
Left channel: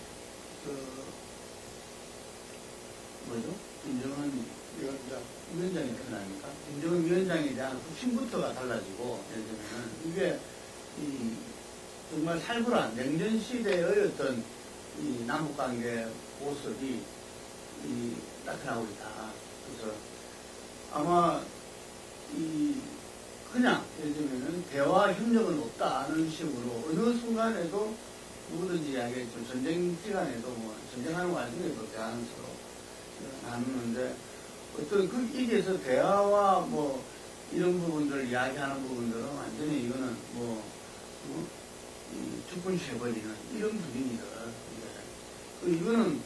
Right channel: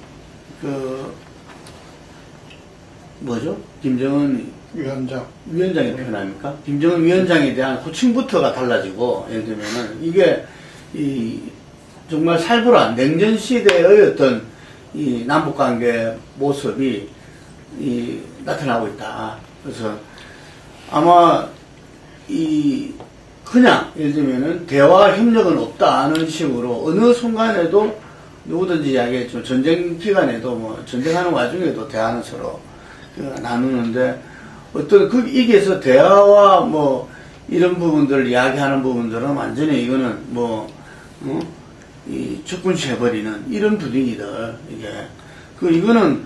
그 뭐죠? 김정은 위원장이 표현합니까? 김정은 위원장에 대한 호칭부터가 달라지고, 예를 들면은 이게 이 정말 살벌한 냉전 시대의 어떤 이 남북 관계 모습이 이 나타나고 있다. 그래서 아마 이 그냥 예를 들면은 대화 협력은 없다는 식으로 어느 순간에도 누구든지 이야기했지만 전쟁 기간에도 뭐 전쟁하는 와중에도 대화는 서로 나누는데 어떤 그 이게서 대화와 뭐 이런 부분들 이야기하는 부분들은 완전히 이거는 뭐 이 적군시해버리는 이런 분위기들 이게 이거는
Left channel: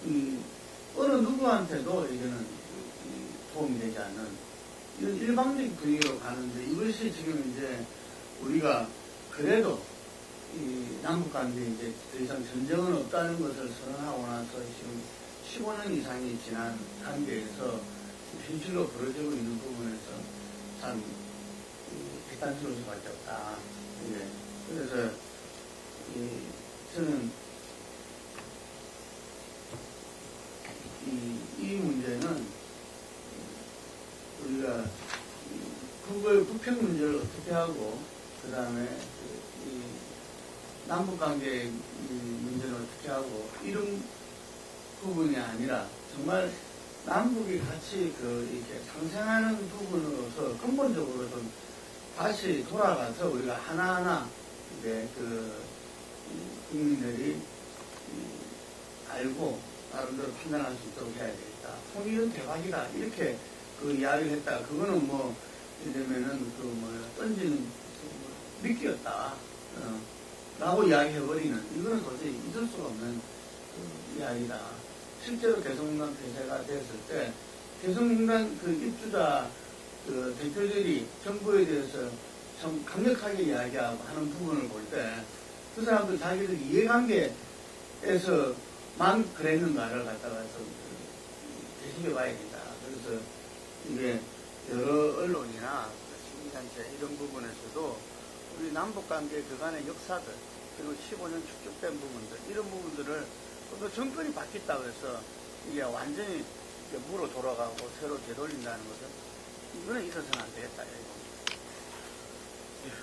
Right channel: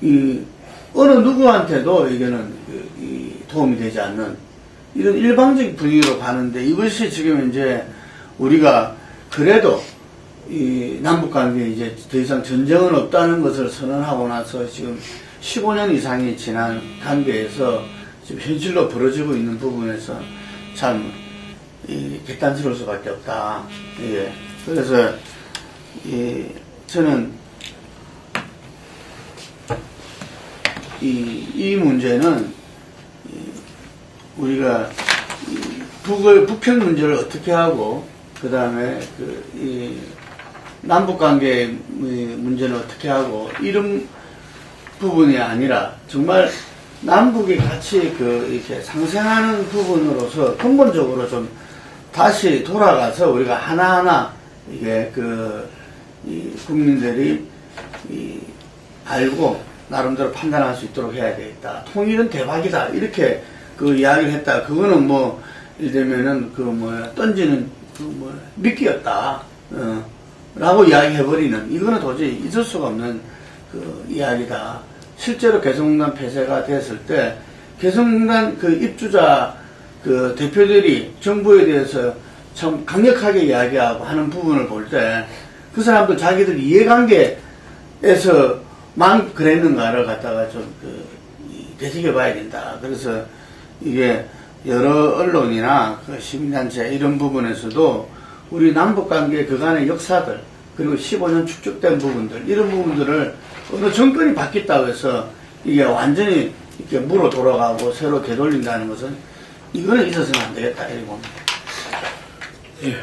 이 어느 누구한테도 이거는 이 도움이 되지 않는 이런 일방적인 분위기로 가는데 이것이 지금 이제 우리가 그래도 이 남북관계에 이제 더 이상 전쟁은 없다는 것을 선언하고 나서 지금 15년 이상이 지난 단계에서 지금 현실로 벌어지고 있는 부분에서 참 개탄스러울 수밖에 없다. 예. 그래서 저는 이 문제는 우리가 북핵 문제를 어떻게 하고 그 다음에 이 남북관계 문제는 어떻게 하고 이런 부분이 아니라 정말 남북이 같이 이렇게 상생하는 부분으로서 근본적으로 좀 다시 돌아가서 우리가 하나하나 이게 이 국민들이 알고 나름대로 판단할 수 있도록 해야 되겠다. 통일은 대박이다. 이렇게 이야기를 했다. 그거는 뭐 예를 들면은 던지는 미끼였다. 라고 이야기해버리는 이거는 도저히 있을 수가 없는 이야기다. 실제로 개성공단 폐쇄가 됐을 때 개성공단 입주자 대표들이 정부에 대해서 참 강력하게 이야기하고 하는 부분을 볼 때 그 사람들 자기들 이해관계에서만 그랬는가를 갖다가 좀 되새겨 봐야 된다. 그래서 이게 여러 언론이나 시민단체 이런 부분에서도 우리 남북관계 그간의 역사들 그리고 15년 축적된 부분들 이런 부분들을 어느 정권이 바뀌었다고 해서 이게 완전히 이렇게 물어 돌아가고 새로 되돌린다는 것은 이거는 있어서는 안 되겠다 이렇게 봅니다. 예.